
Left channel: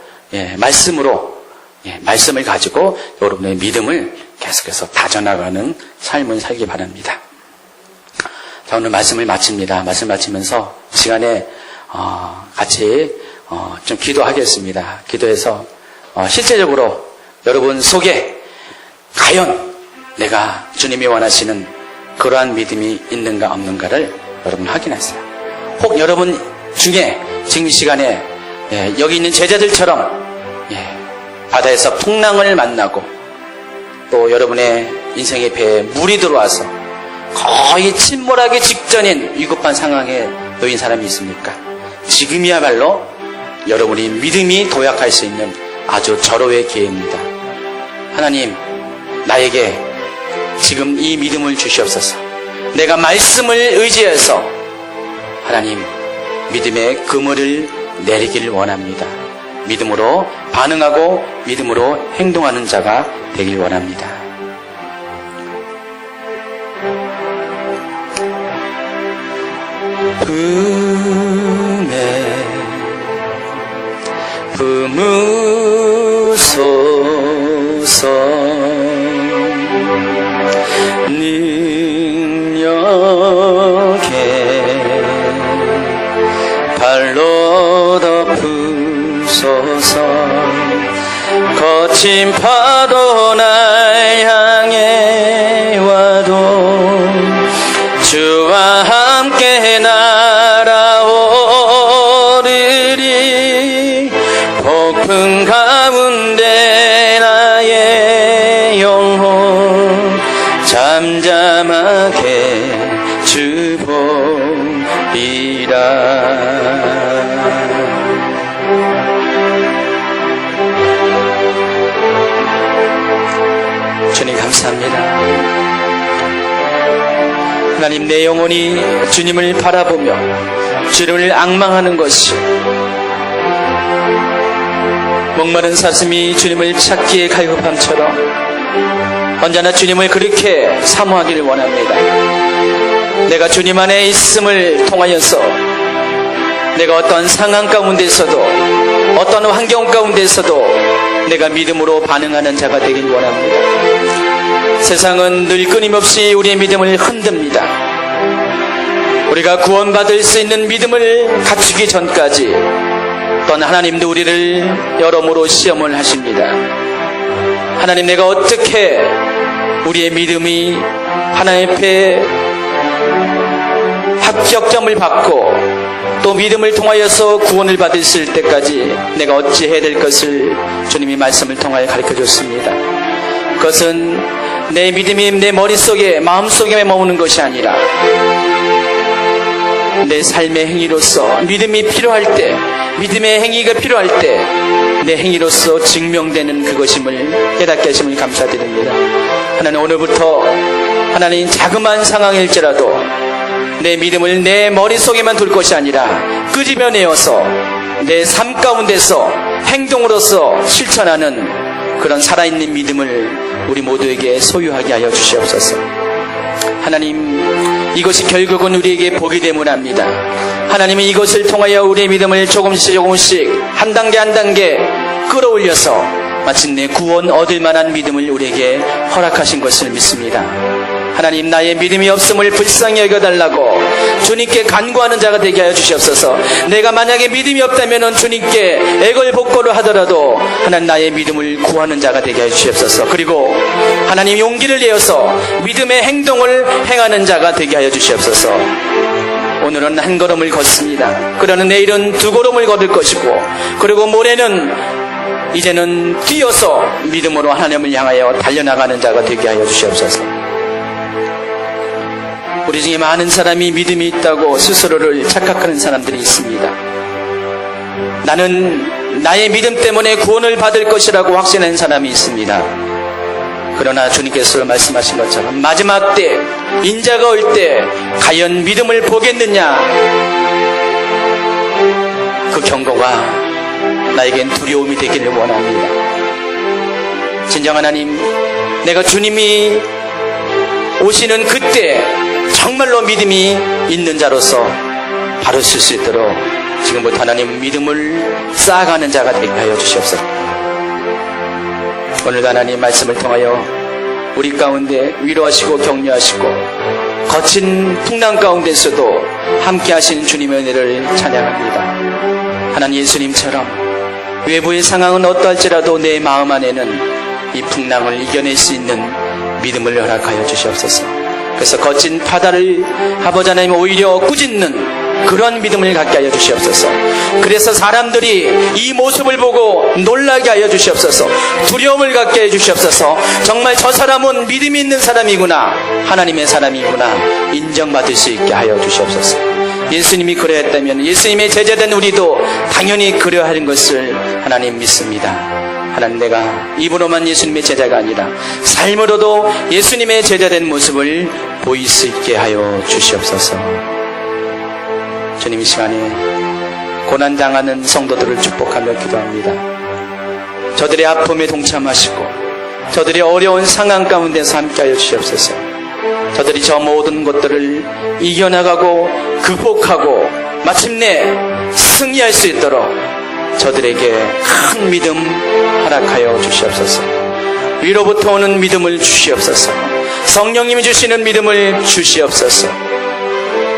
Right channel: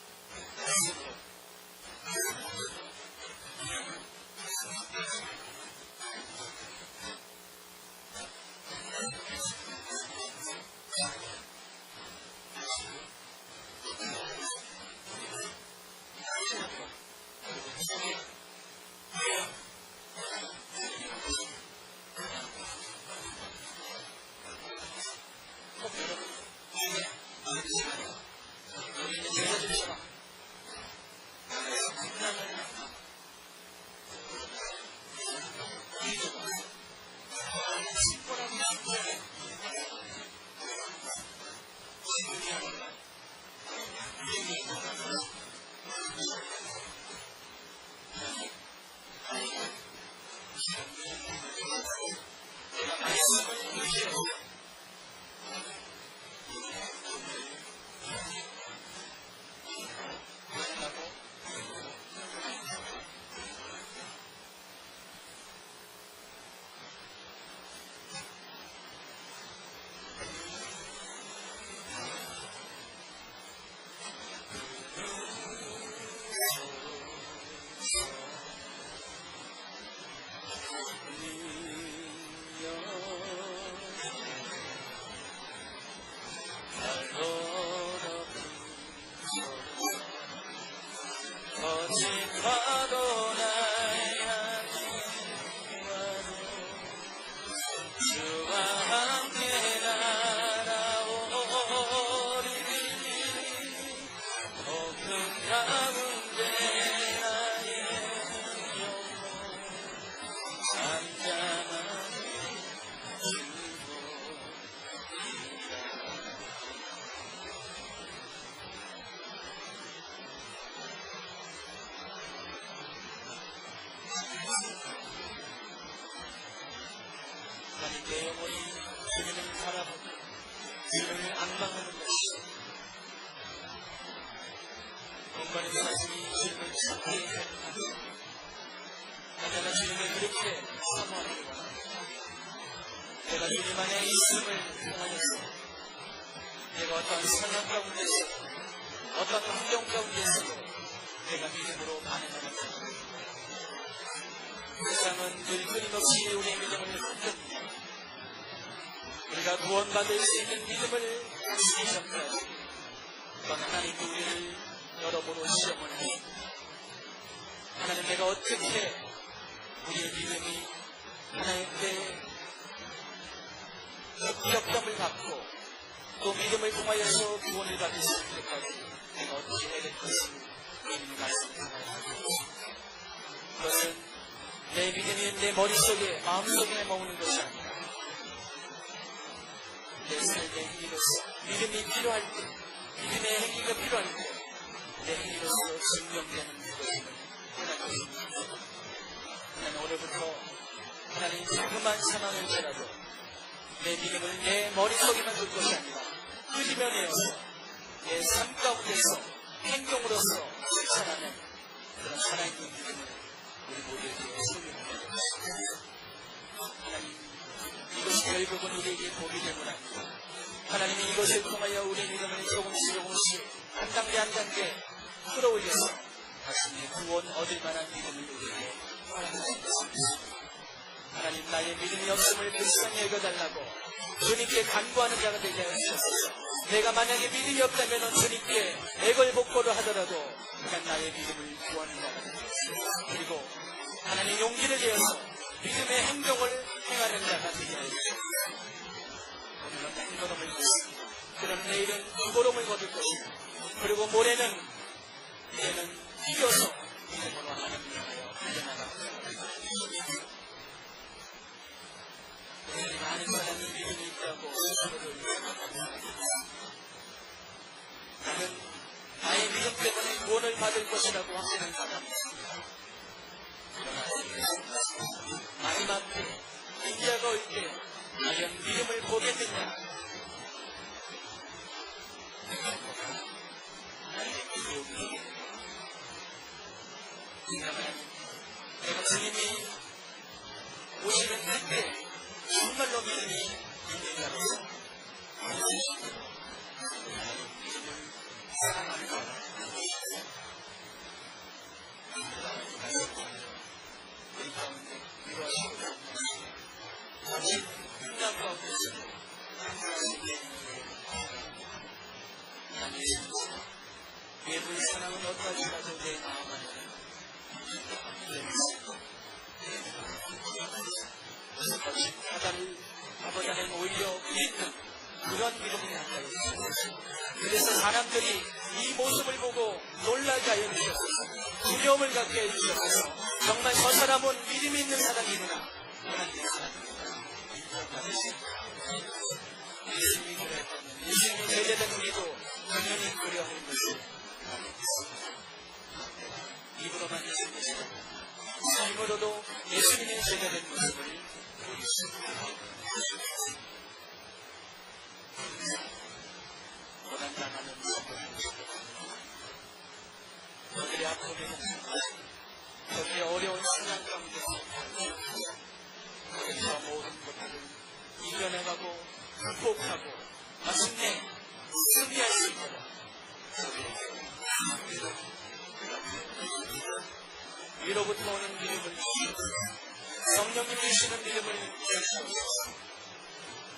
말씀을 가지고 여러분의 믿음을 계속해서 다져나가는 삶을 살기 바랍니다. 자, 오늘 말씀을 마칩니다. 말씀 마치면서 시간에 같이 좀 기도하겠습니다. 기도해서 실제적으로 여러분 속에 과연 내가 주님이 원하시는 그러한 믿음이 있는가 없는가를 여러분 확인하세요. 혹 여러분 중에 지금 이 시간에 여기 있는 제자들처럼 바다에서 풍랑을 만나고 또 여러분의 인생의 배에 물이 들어와서 거의 침몰하기 직전인 위급한 상황에 놓인 사람이 있습니까? 지금이야말로 여러분이 믿음이 도약할 수 있는 아주 절호의 기회입니다. 하나님, 나에게 지금 이 믿음을 주시옵소서. 내가 말씀을 의지해서 하나님 믿음의 그물을 내리기를 원합니다. 믿음으로 반응하고 믿음으로 행동하는 자가 되길 원합니다. 품에 품으소서 능력 거친 파도 날 향해 와도 주와 함께 날아오르리. 폭풍 가운데 나의 영혼 잠잠하게 주 보리라. 주님 감사합니다. 하나님, 내 영혼이 주님을 바라보며 주님을 앙망하는 것이, 목마른 사슴이 주님을 찾기에 갈급함처럼 언제나 주님을 그렇게 사모하기를 원합니다. 내가 주님 안에 있음을 통하여서 내가 어떤 상황 가운데서도 어떤 환경 가운데서도 내가 믿음으로 반응하는 자가 되길 원합니다. 세상은 늘 끊임없이 우리의 믿음을 흔듭니다. 우리가 구원받을 수 있는 믿음을 갖추기 전까지 또한 하나님도 우리를 여러모로 시험을 하십니다. 하나님, 내가 어떻게 우리의 믿음이 하나님 앞에 합격점을 받고 또 믿음을 통하여서 구원을 받을 때까지 내가 어찌 해야 될 것을 주님이 말씀을 통하여 가르쳐줬습니다. 그것은 내 믿음이 내 머릿속에 마음속에 머무는 것이 아니라 내 삶의 행위로서 믿음이 필요할 때, 믿음의 행위가 필요할 때 내 행위로서 증명되는 그것임을 깨닫게 하심을 감사드립니다. 하나님, 오늘부터 하나님 자그마한 상황일지라도 내 믿음을 내 머릿속에만 둘 것이 아니라 끄집어내어서 내 삶 가운데서 행동으로서 실천하는 그런 살아있는 믿음을 우리 모두에게 소유하게 하여 주시옵소서. 하나님, 이것이 결국은 우리에게 복이 되문 합니다. 하나님은 이것을 통하여 우리의 믿음을 조금씩 한 단계 끌어올려서 마침내 구원 얻을 만한 믿음을 우리에게 허락하신 것을 믿습니다. 하나님, 나의 믿음이 없음을 불쌍히 여겨달라고 주님께 간구하는 자가 되게 하여 주시옵소서. 내가 만약에 믿음이 없다면 주님께 애걸복걸을 하더라도 하나님, 나의 믿음을 구하는 자가 되게 하여 주시옵소서. 그리고 하나님, 용기를 내어서 믿음의 행동을 행하는 자가 되게 하여 주시옵소서. 오늘은 한 걸음을 걷습니다. 그러나 내일은 두 걸음을 걸을 것이고, 그리고 모레는 이제는 뛰어서 믿음으로 하나님을 향하여 달려나가는 자가 되게 하여 주시옵소서. 우리 중에 많은 사람이 믿음이 있다고 스스로를 착각하는 사람들이 있습니다. 나는 나의 믿음 때문에 구원을 받을 것이라고 확신하는 사람이 있습니다. 그러나 주님께서 말씀하신 것처럼 마지막 때, 인자가 올 때 과연 믿음을 보겠느냐, 그 경고가 나에겐 두려움이 되기를 원합니다. 진정 하나님, 내가 주님이 오시는 그때 정말로 믿음이 있는 자로서 바로 쓸 수 있도록 지금부터 하나님 믿음을 쌓아가는 자가 되게 하여 주시옵소서. 오늘도 하나님 말씀을 통하여 우리 가운데 위로하시고 격려하시고 거친 풍랑 가운데서도 함께 하시는 주님의 은혜를 찬양합니다. 하나님, 예수님처럼 외부의 상황은 어떠할지라도 내 마음 안에는 이 풍랑을 이겨낼 수 있는 믿음을 허락하여 주시옵소서. 그래서 거친 바다를 아버지 하나님 오히려 꾸짖는 그런 믿음을 갖게 하여 주시옵소서. 그래서 사람들이 이 모습을 보고 놀라게 하여 주시옵소서. 두려움을 갖게 해 주시옵소서. 정말 저 사람은 믿음이 있는 사람이구나, 하나님의 사람이구나 인정받을 수 있게 하여 주시옵소서. 예수님이 그러했다면 예수님의 제자된 우리도 당연히 그러하는 것을 하나님 믿습니다. 하나님, 내가 입으로만 예수님의 제자가 아니라 삶으로도 예수님의 제자된 모습을 보일 수 있게 하여 주시옵소서. 주님, 이 시간에 고난당하는 성도들을 축복하며 기도합니다. 저들의 아픔에 동참하시고 저들의 어려운 상황 가운데서 함께하여 주시옵소서. 저들이 저 모든 것들을 이겨나가고 극복하고 마침내 승리할 수 있도록 저들에게 큰 믿음 허락하여 주시옵소서. 위로부터 오는 믿음을 주시옵소서. 성령님이 주시는 믿음을 주시옵소서.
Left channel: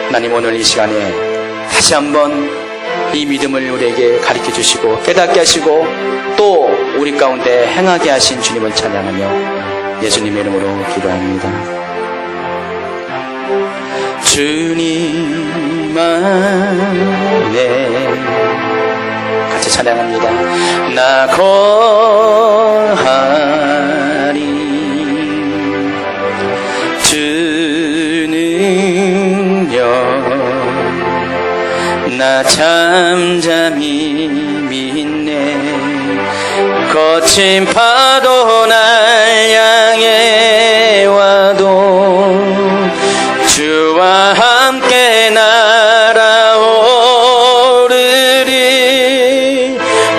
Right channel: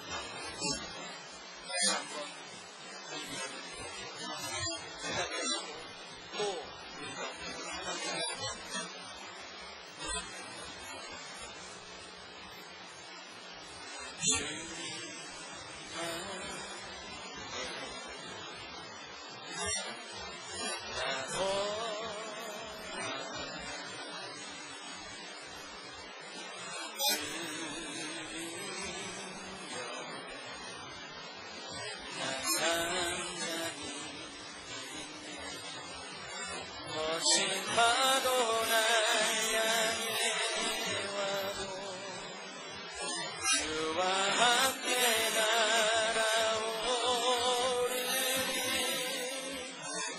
하나님, 오늘 이 시간에 다시 한번 이 믿음을 우리에게 가르쳐 주시고 깨닫게 하시고 또 우리 가운데 행하게 하신 주님을 찬양하며 예수님의 이름으로 기도합니다. 주님 안에 같이 찬양합니다. 나 거하리 주 능력 나 잠잠히 믿네 거친 파도 날 향해 와도 주와 함께 날아오르리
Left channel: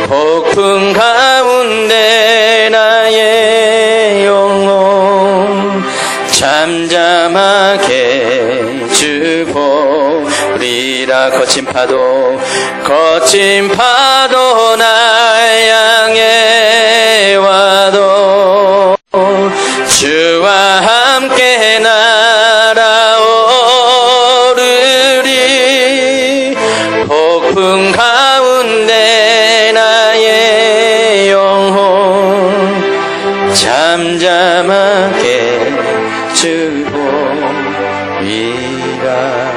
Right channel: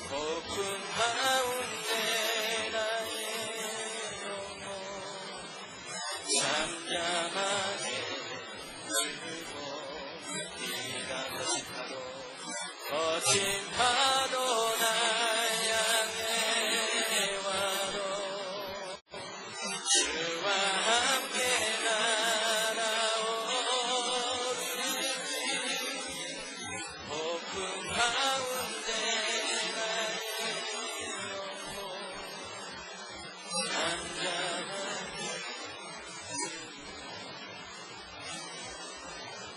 폭풍 가운데 나의 영혼 잠잠하게 주 보리라 거친 파도 날 향해 와도 주와 함께 날아오르리 폭풍 가운데 나의 영혼 잠잠하게 주 보리라